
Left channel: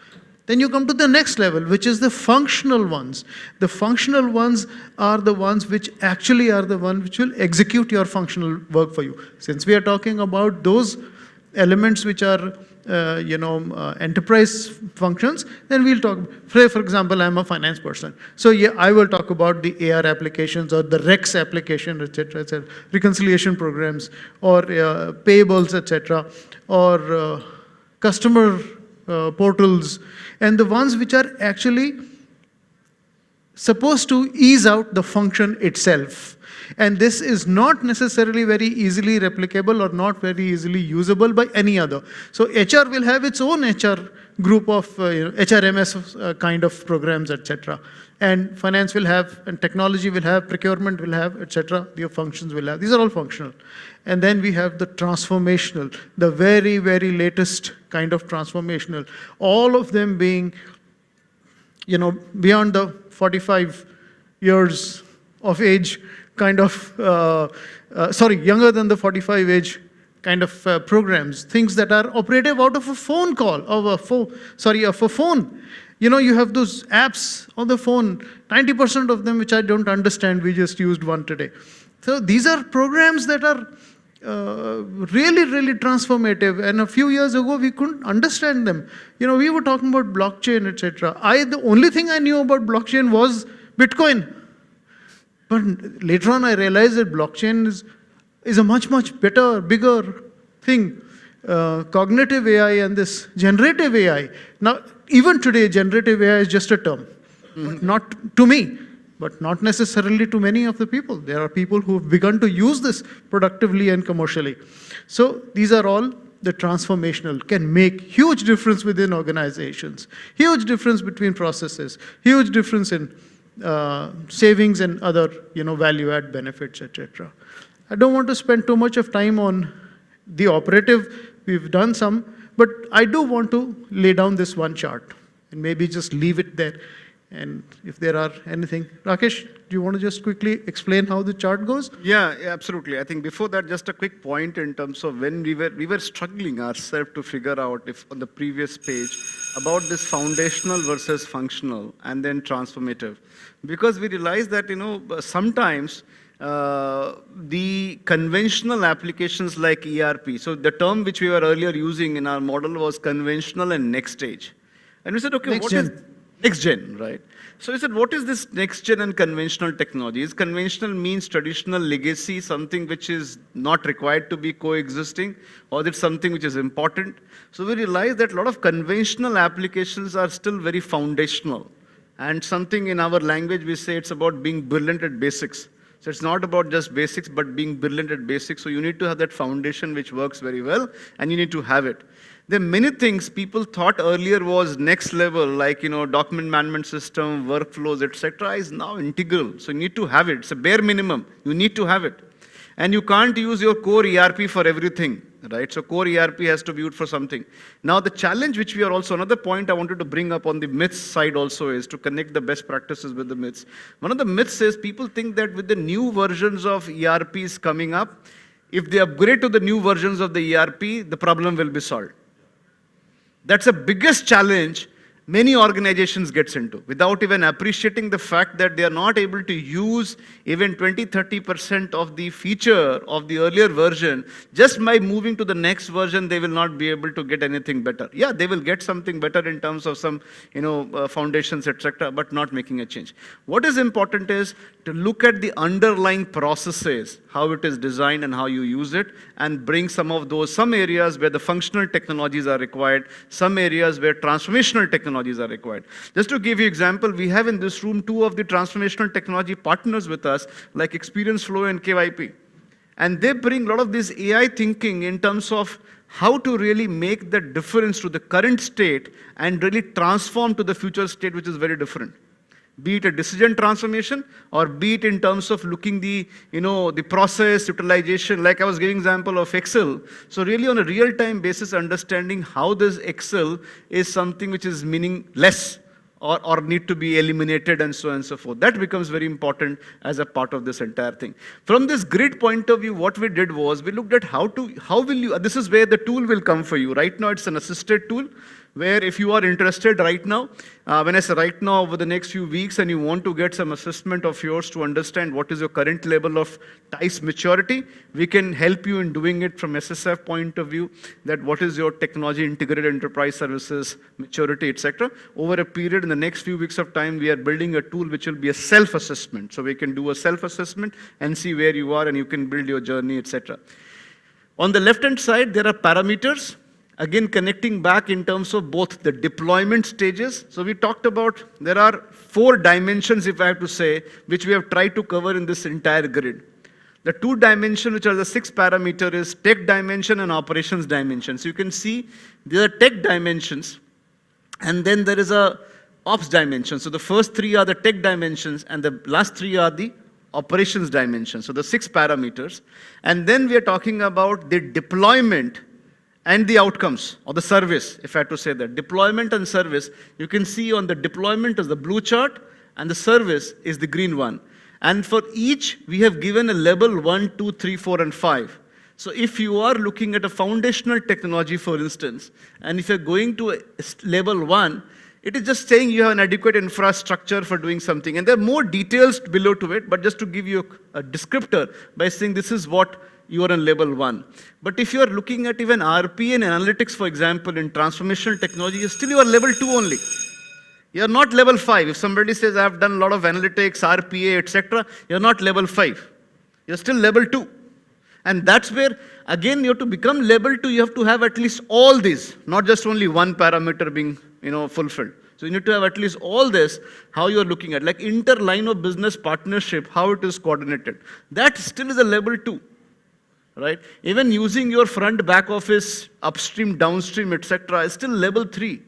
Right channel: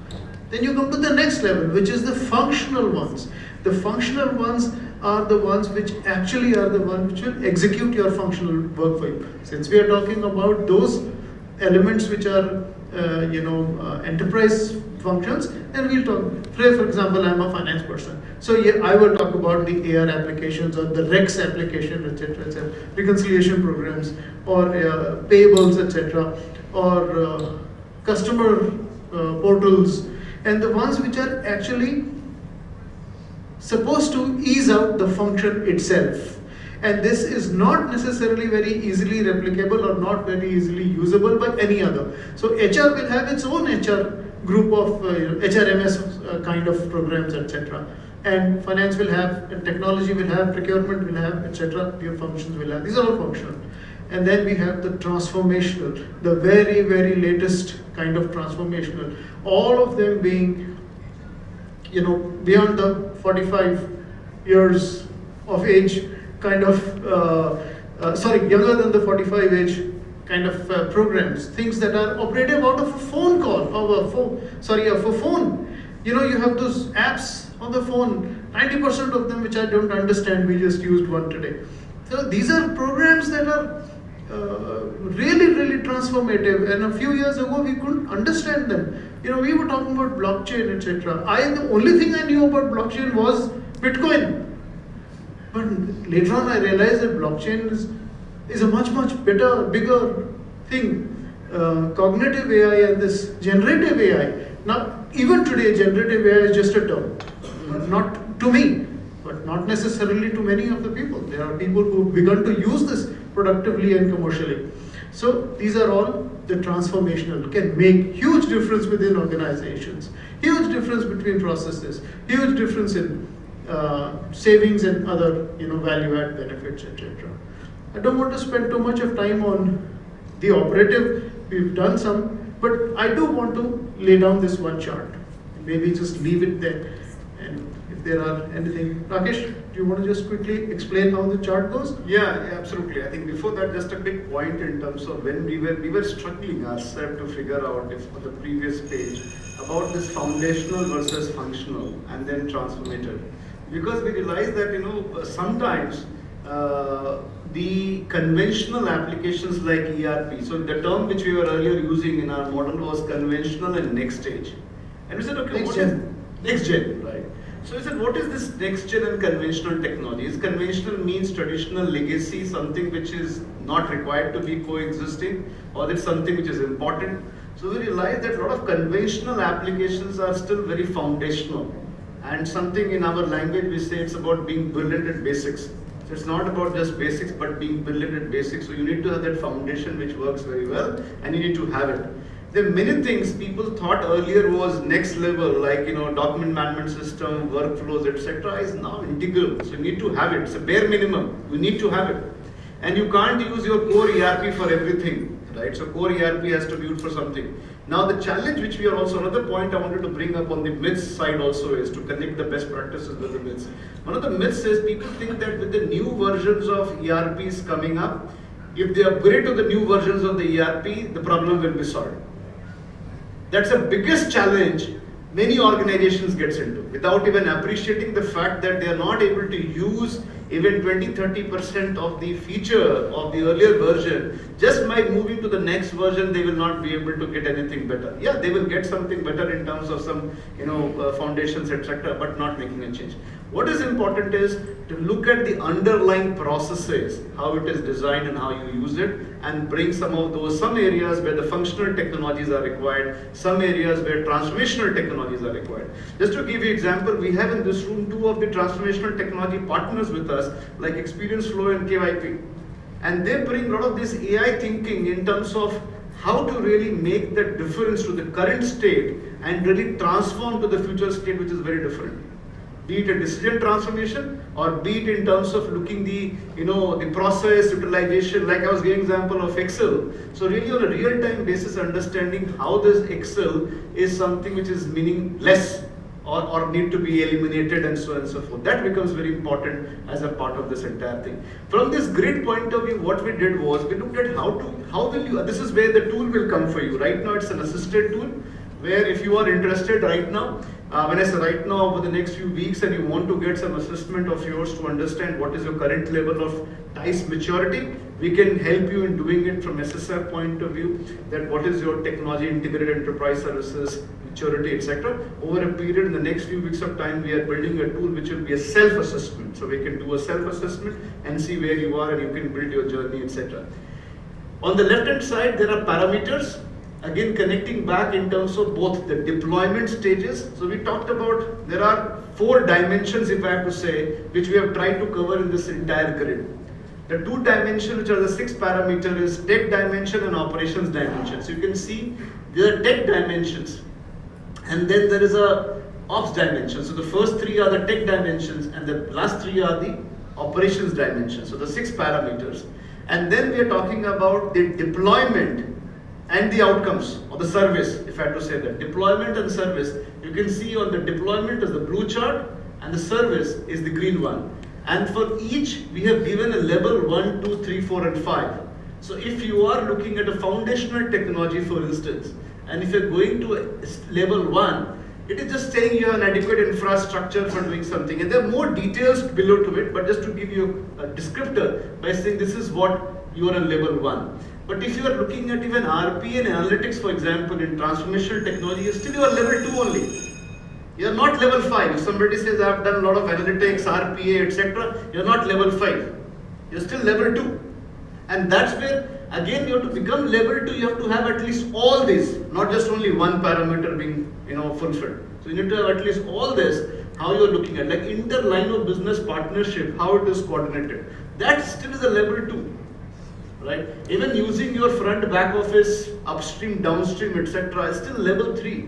Then you come to the next level, which is the functional ones. The functional ones are the ones which actually are the ones which will execute your functional work for you. Since we are talking about those elements which are enterprise functions, then we'll talk. Say for example, I'm a finance person, so yeah, I will talk about the AR applications or the REX application, etc., etc., reconciliation programs, or payables, etc., or customer portals, and the ones which are actually supposed to ease out the function itself. And this is not necessarily very easily replicable or not very easily usable by any other. So HR will have its own HR group of HRMS kind of programs, etc. And finance will have, and technology will have, procurement will have, etc. Your functions will have. These are all functional. And then we have the transformational, the very, very latest kind of transformational. All of them being, beyond the 45 years of age kind of, younger than the 45 age kind of programs, things that are operative out of a phone call, of a phone. You have those apps on the phone, 90% of them which I don't understand, we just used one today. So these are programs that are really, really transformative, and a few years ago we couldn't understand them. We were talking about blockchain, etc. The only thing I knew about blockchain was Bitcoin. But later on I realized that blockchain is a much, much better, bigger thing. Cognitive AI and this generative AI. Now, even today, generative AI is just a term. Not to me, but not necessarily to many of the people. There are people who've begun to use this productively and commercially. So these are all the transformational, can make huge difference within organizations, huge difference between processes, huge difference in savings and other value add benefits, etc. I don't want to spend too much of time on the operative. We've done some, but I do want to lay down this one chart and maybe just leave it there. And if there are anything, Rakesh, do you want to just quickly explain how the chart goes? Yeah, absolutely. I think before that, just a quick point in terms of when we were struggling ourselves to figure out, if on the previous page, about this foundational versus functional and then transformative, because we realized that sometimes the conventional applications like ERP, so the term which we were earlier using in our model was conventional and next stage, and we said, okay, what is next gen, right? So we said, what is this next gen and conventional technology? Is conventional means traditional legacy, something which is not required to be coexisting, or is something which is important? So we realized that a lot of conventional applications are still very foundational, and something in our language we say it's about being brilliant at basics. So it's not about just basics, but being brilliant at basics. So you need to have that foundation which works very well, and you need to have it. There are many things people thought earlier was next level, like document management system, workflows, etc., is now integral. So you need to have it. It's a bare minimum. You need to have it, and you can't use your core ERP for everything, right? So core ERP has to be used for something. Now the challenge, which we are also, another point I wanted to bring up on the myths side also, is to connect the best practices with the myths. One of the myths is people think that with the new versions of ERPs coming up, if they upgrade to the new versions of the ERP, the problem will be solved. That's the biggest challenge many organizations gets into, without even appreciating the fact that they are not able to use even 20-30% of the feature of the earlier version. Just by moving to the next version, they will not be able to get anything better. Yeah, they will get something better in terms of some foundations, etc., but not making a change. What is important is to look at the underlying processes, how it is designed and how you use it, and bring some areas where the functional technologies are required, some areas where transformational technologies are required. Just to give you an example, we have in this room 2 of the transformational technology partners with us, like Experience Flow and KYP. And they bring a lot of this AI thinking in terms of how to really make the difference to the current state and really transform to the future state, which is very different. Be it a decision transformation or be it in terms of looking the the process utilization, like I was giving example of Excel. So really on a real time basis understanding how this Excel is something which is meaningless or need to be eliminated and so on and so forth. That becomes very important as a part of this entire thing. From this grid point of view, what we did was we looked at how will you, this is where the tool will come for you. Right now it's an assisted tool, where if you are interested right now, when I say right now, over the next few weeks, and you want to get some assessment of yours to understand what is your current level of TICE maturity, we can help you in doing it from SSF point of view, that what is your technology integrated enterprise services maturity, etc. Over a period in the next few weeks of time, we are building a tool which will be a self-assessment. So we can do a self-assessment and see where you are, and you can build your journey, etc. On the left hand side, there are parameters. Again, connecting back in terms of both the deployment stages. So we talked about, there are 4 dimensions, if I have to say, which we have tried to cover in this entire grid. The 2 dimensions, which are the 6 parameter, is tech dimension and operations dimension. So you can see there are tech dimensions, and then there is a ops dimension. So the first 3 are the tech dimensions, and the last 3 are the operations dimensions. So the 6 parameters. And then we are talking about the deployment and the outcomes or the service, if I have to say that. Deployment and service, you can see on the deployment is the blue chart and the service is the green one. And for each, we have given a level 1, 2, 3, 4 and 5. So if you are looking at a foundational technology, for instance, and if you're going to level 1, it is just saying you have an adequate infrastructure for doing something. And there are more details below to it, but just to give you a descriptor by saying this is what you are on level 1. But if you are looking at even RP and analytics, for example, in transformational technology, still you are level 2 only. You are not level 5. If somebody says I have done a lot of analytics, RPA, etc., you are not level 5. You are still level 2. And that's where, again, you have to become level 2. You have to have at least all these, not just only one parameter being fulfilled. So you need to have at least all this, how you are looking at, like inter-line of business partnership, how it is coordinated. That still is a level 2. Right? Even using your front back office, upstream, downstream, etc. is still level 3,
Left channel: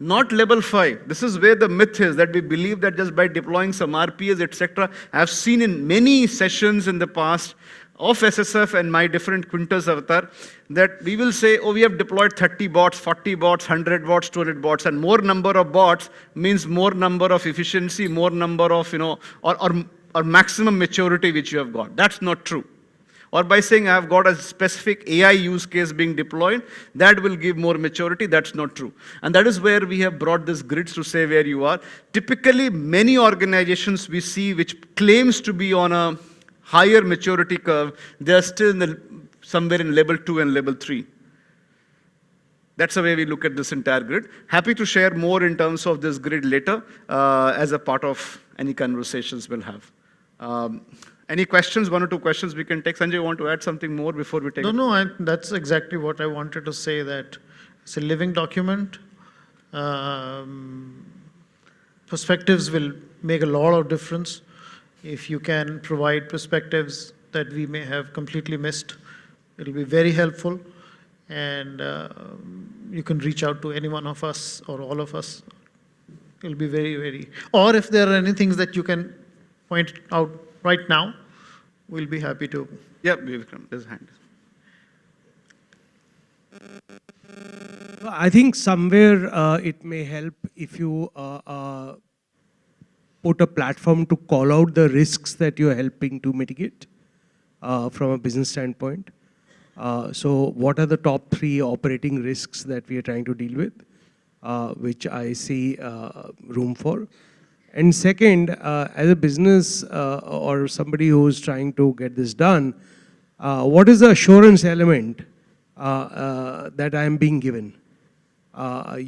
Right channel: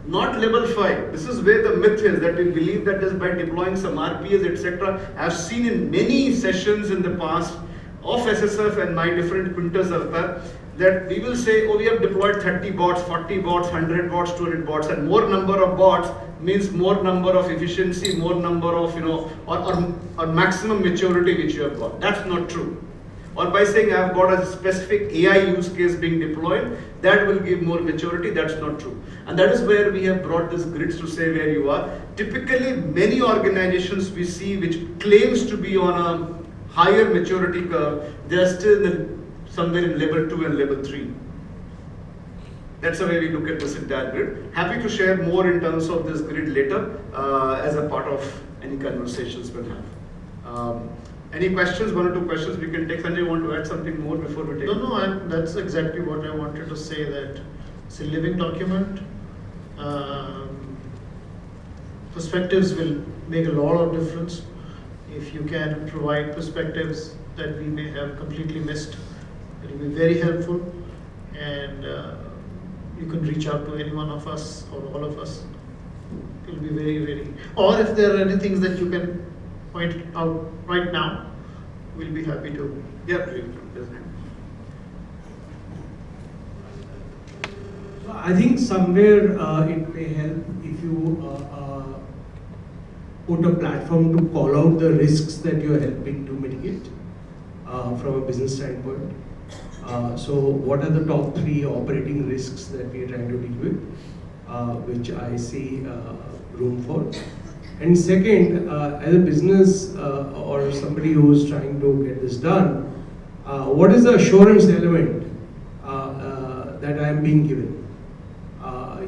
not level 5. This is where the myth is, that we believe that just by deploying some RPAs, etc. I have seen in many sessions in the past of SSF and my different quintas avatar, that we will say, oh, we have deployed 30 bots, 40 bots, 100 bots, 200 bots, and more number of bots means more number of efficiency, more number of, or maximum maturity which you have got. That's not true. Or by saying I have got a specific AI use case being deployed, that will give more maturity. That's not true. And that is where we have brought this grids to say where you are. Typically, many organizations we see which claims to be on a higher maturity curve, they are still somewhere in level 2 and level 3. That's the way we look at this entire grid. Happy to share more in terms of this grid later as a part of any conversations we'll have. Any questions? 1 or 2 questions we can take. Sanjay, you want to add something more before we take? No, that's exactly what I wanted to say, that it's a living document. Perspectives will make a lot of difference. If you can provide perspectives that we may have completely missed, it will be very helpful. And you can reach out to any one of us or all of us. It will be very, very... Or if there are any things that you can point out right now, we'll be happy to. Yeah, we'll come. There's a hand. I think somewhere it may help if you put a platform to call out the risks that you are helping to mitigate from a business standpoint. So what are the top 3 operating risks that we are trying to deal with, which I see room for? And second, as a business or somebody who is trying to get this done, what is the assurance element that I am being given?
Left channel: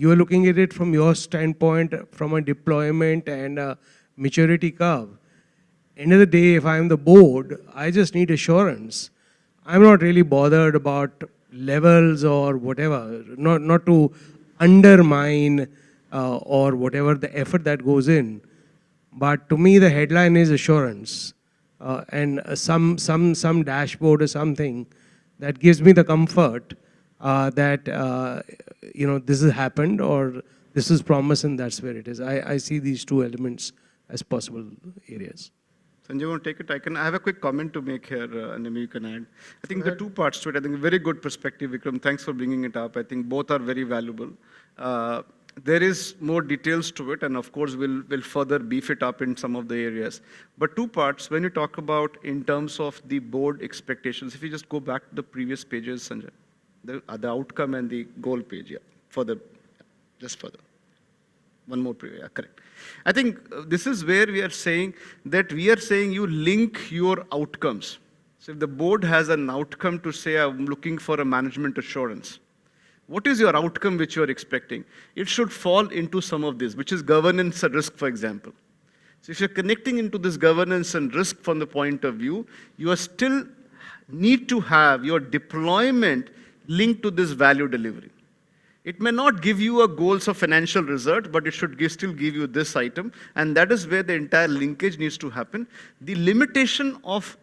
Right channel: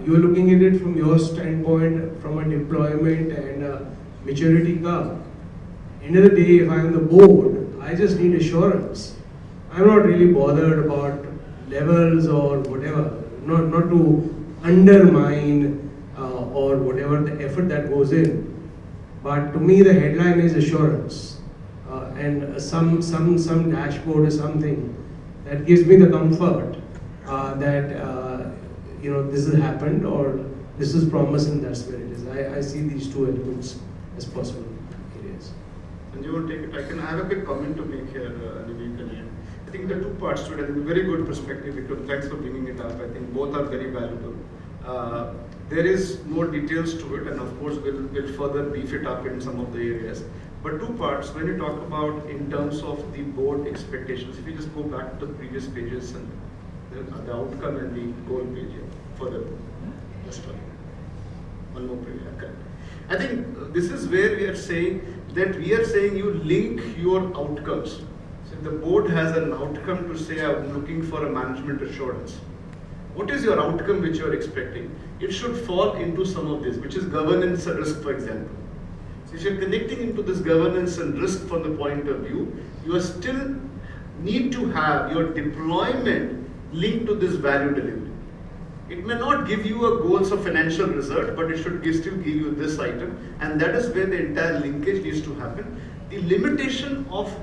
You are looking at it from your standpoint, from a deployment and a maturity curve. End of the day, if I am the board, I just need assurance. I'm not really bothered about levels or whatever, not to undermine or whatever the effort that goes in. But to me, the headline is assurance, and some dashboard or something that gives me the comfort that this has happened or this is promised and that's where it is. I see these two elements as possible areas. And you want to take it? I have a quick comment to make here, and maybe you can add. I think there are two parts to it. I think very good perspective, Vikram. Thanks for bringing it up. I think both are very valuable. There is more details to it, and of course we'll further beef it up in some of the areas. But two parts, when you talk about in terms of the board expectations, if you just go back to the previous pages and the outcome and the goal page, yeah, further, just further. One more page, yeah, correct. I think this is where we are saying you link your outcomes. So if the board has an outcome to say, I'm looking for a management assurance, what is your outcome which you are expecting? It should fall into some of this, which is governance and risk, for example. So if you're connecting into this governance and risk from the point of view, you are still need to have your deployment linked to this value delivery. It may not give you a goals of financial result, but it should still give you this item, and that is where the entire linkage needs to happen. The limitation of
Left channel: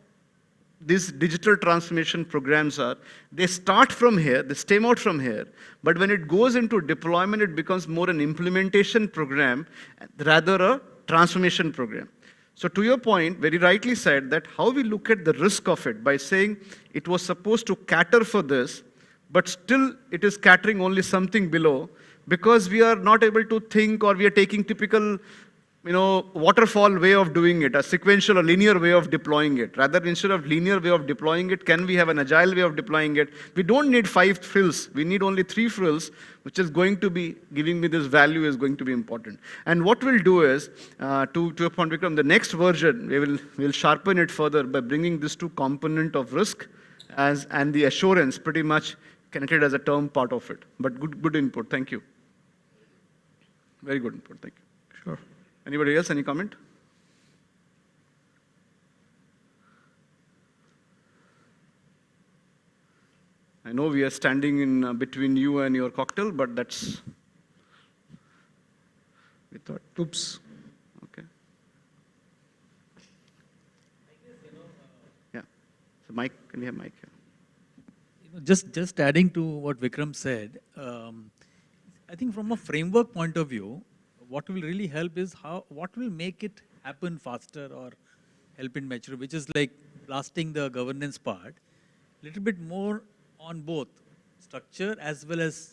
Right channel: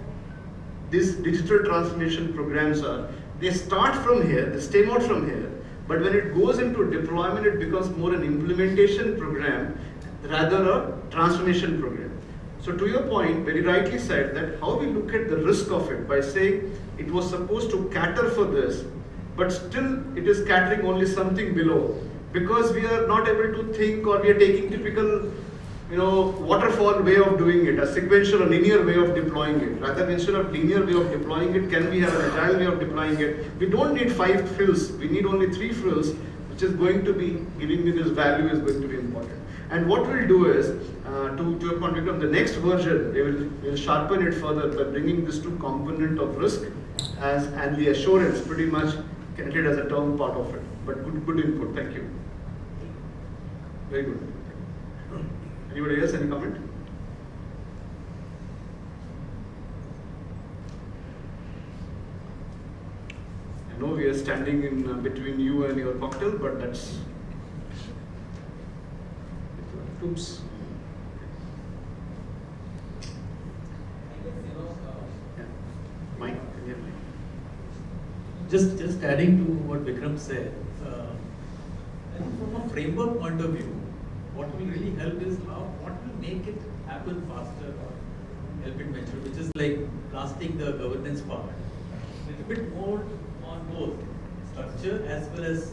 these digital transformation programs are, they start from here, they stem out from here, but when it goes into deployment, it becomes more an implementation program rather a transformation program. So to your point, very rightly said that how we look at the risk of it by saying it was supposed to cater for this, but still it is catering only something below, because we are not able to think, or we are taking typical waterfall way of doing it, a sequential or linear way of deploying it. Rather, instead of linear way of deploying it, can we have an agile way of deploying it? We don't need 5 frills, we need only 3 frills, which is going to be giving me this value is going to be important. And what we'll do is, to your point, Vikram, the next version, we'll sharpen it further by bringing this to component of risk and the assurance pretty much connected as a term part of it. But good input, thank you. Very good input, thank you. Sure. Anybody else, any comment? I know we are standing in between you and your cocktail, but that's... Oops. Yeah. Mike, can you have Mike? Just adding to what Vikram said, I think from a framework point of view, what will really help is what will make it happen faster or help it mature, which is like lasting the governance part, a little bit more on both structure as well as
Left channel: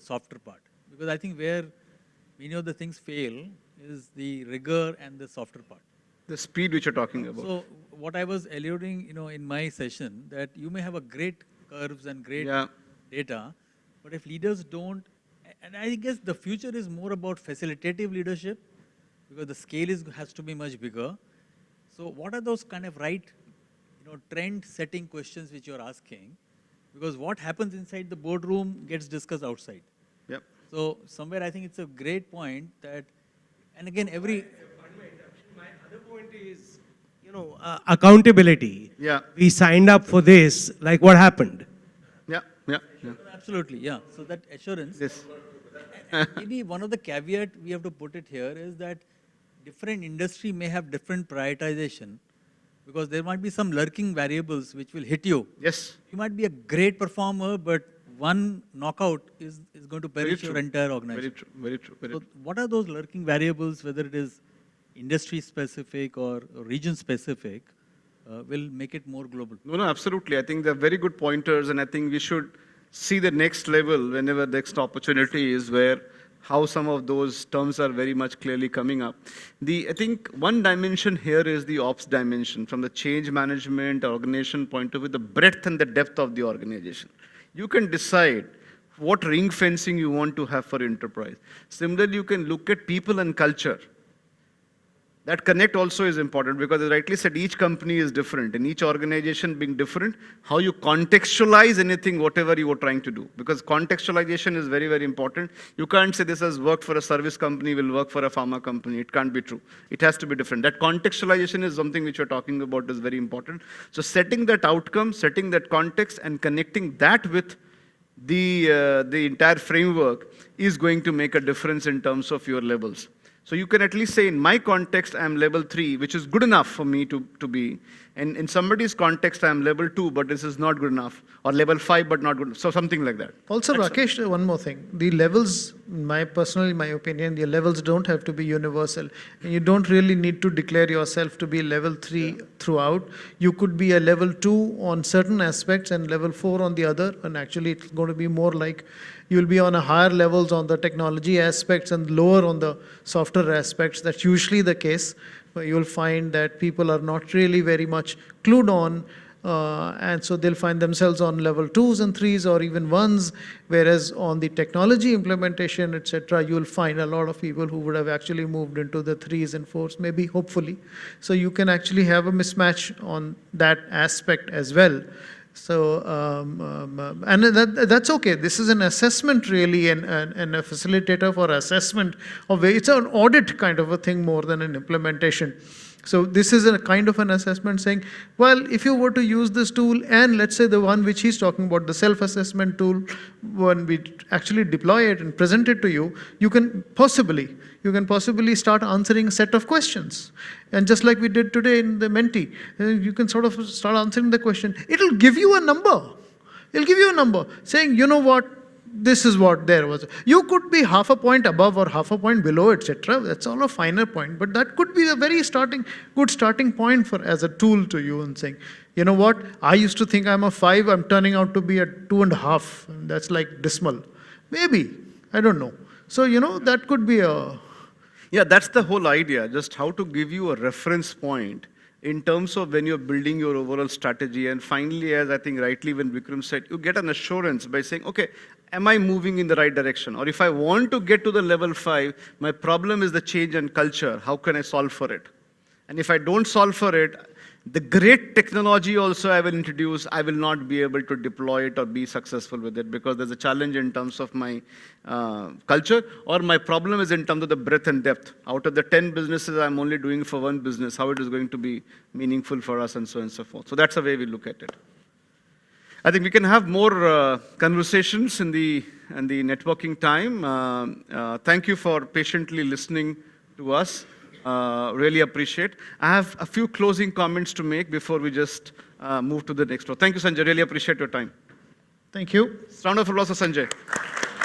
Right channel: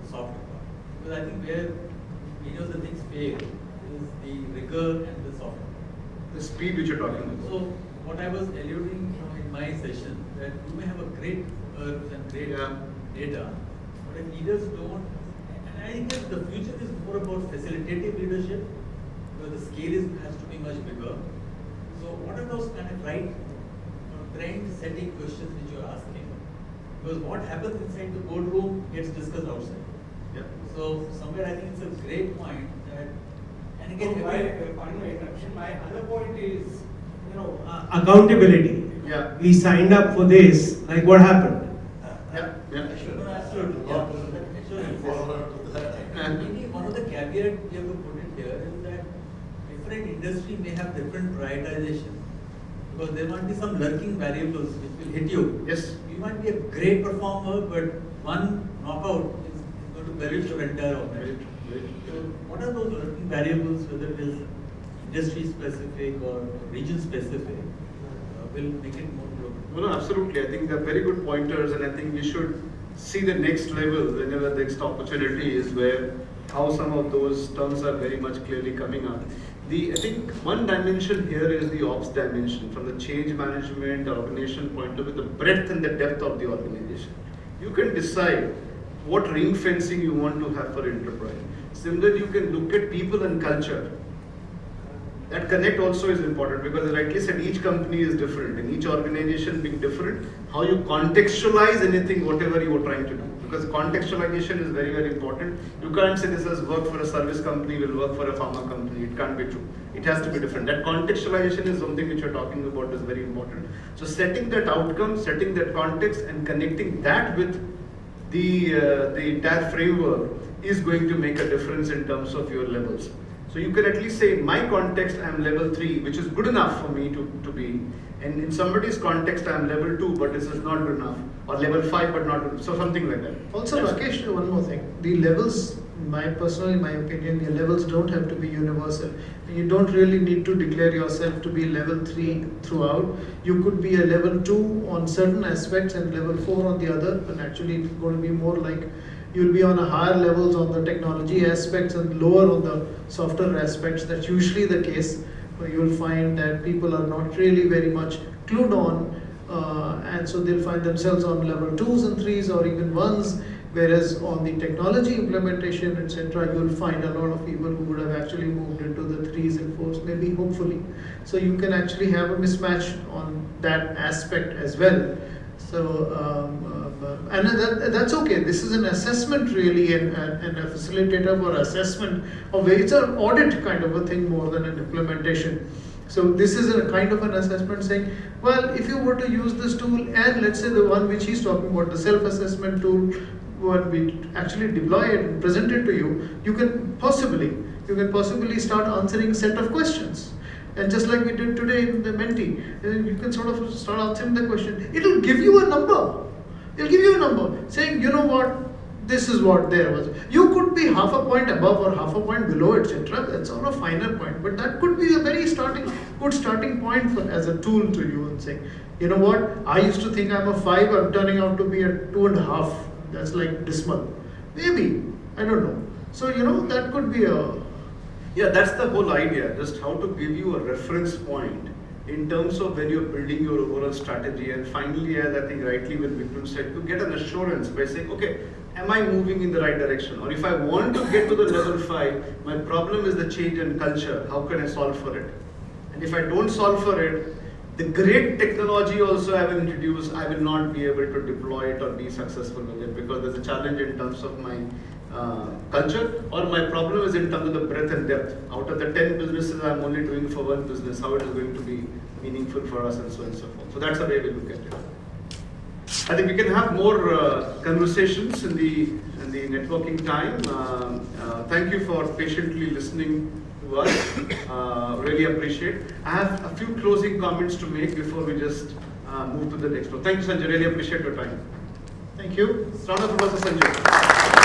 the softer part. Because I think where many of the things fail is the rigor and the softer part. The speed which you're talking about. So what I was alluding, in my session, that you may have a great herbs and great data, but if leaders don't, and I guess the future is more about facilitative leadership, because the scale has to be much bigger. So what are those kind of right trend setting questions which you're asking? Because what happens inside the boardroom gets discussed outside. Yep. So somewhere I think it's a great point that, and again so my other point is, accountability. Yeah. We signed up for this, like what happened? Yeah. Yeah. Absolutely, yeah. That assurance. Maybe one of the caveat we have to put it here is that different industry may have different prioritization, because there might be some lurking variables which will hit you. Yes. You might be a great performer, but one knockout is going to perish your entire organization. Very true. So what are those lurking variables, whether it is industry specific or region specific, will make it more global? No, absolutely. I think they're very good pointers, and I think we should see the next level whenever the next opportunity is, where how some of those terms are very much clearly coming up. I think one dimension here is the ops dimension, from the change management organization point of view, the breadth and the depth of the organization. You can decide what ring fencing you want to have for enterprise. Similarly, you can look at people and culture. That connect also is important, because as rightly said, each company is different, and each organization being different, how you contextualize anything, whatever you are trying to do. Because contextualization is very, very important. You can't say this has worked for a service company, will work for a pharma company. It can't be true. It has to be different. That contextualization is something which you're talking about is very important. So setting that outcome, setting that context, and connecting that with the entire framework is going to make a difference in terms of your levels. So you can at least say, in my context, I'm level 3, which is good enough for me to be. And in somebody's context, I'm level 2, but this is not good enough. Or level 5, but not good. So something like that. Also, Rakesh, one more thing. The levels, my opinion, the levels don't have to be universal. You don't really need to declare yourself to be level 3 throughout. You could be a level 2 on certain aspects and level 4 on the other. And actually, it's going to be more like you'll be on a higher levels on the technology aspects and lower on the software aspects. That's usually the case. You'll find that people are not really very much clued on, and so they'll find themselves on level 2s and 3s or even 1s, whereas on the technology implementation, etc., you'll find a lot of people who would have actually moved into the 3s and 4s, maybe hopefully. So you can actually have a mismatch on that aspect as well. So and that's okay. This is an assessment really, and a facilitator for assessment of it's an audit kind of a thing more than an implementation. So this is a kind of an assessment saying, well, if you were to use this tool, and let's say the one which he's talking about, the self-assessment tool, when we actually deploy it and present it to you, you can possibly start answering a set of questions. And just like we did today in the Menti, you can sort of start answering the question. It'll give you a number. It'll give you a number saying, you know what, this is what there was. You could be half a point above or half a point below, etc. That's all a finer point. But that could be a very good starting point for as a tool to you and saying, you know what, I used to think I'm a 5, I'm turning out to be a 2.5. That's like dismal. Maybe. I don't know. So, that could be a... Yeah, that's the whole idea, just how to give you a reference point in terms of when you're building your overall strategy. And finally, as I think rightly when Vikram said, you get an assurance by saying, okay, am I moving in the right direction? Or if I want to get to the level 5, my problem is the change in culture. How can I solve for it? And if I don't solve for it, the great technology also I will introduce, I will not be able to deploy it or be successful with it because there's a challenge in terms of my culture, or my problem is in terms of the breadth and depth. Out of the 10 businesses I'm only doing for one business, how it is going to be meaningful for us and so on and so forth. So that's the way we look at it. I think we can have more conversations in the networking time. Thank you for patiently listening to us. Really appreciate. I have a few closing comments to make before we just move to the next one. Thank you, Sanjay. Really appreciate your time. Thank you. Round of applause for Sanjay.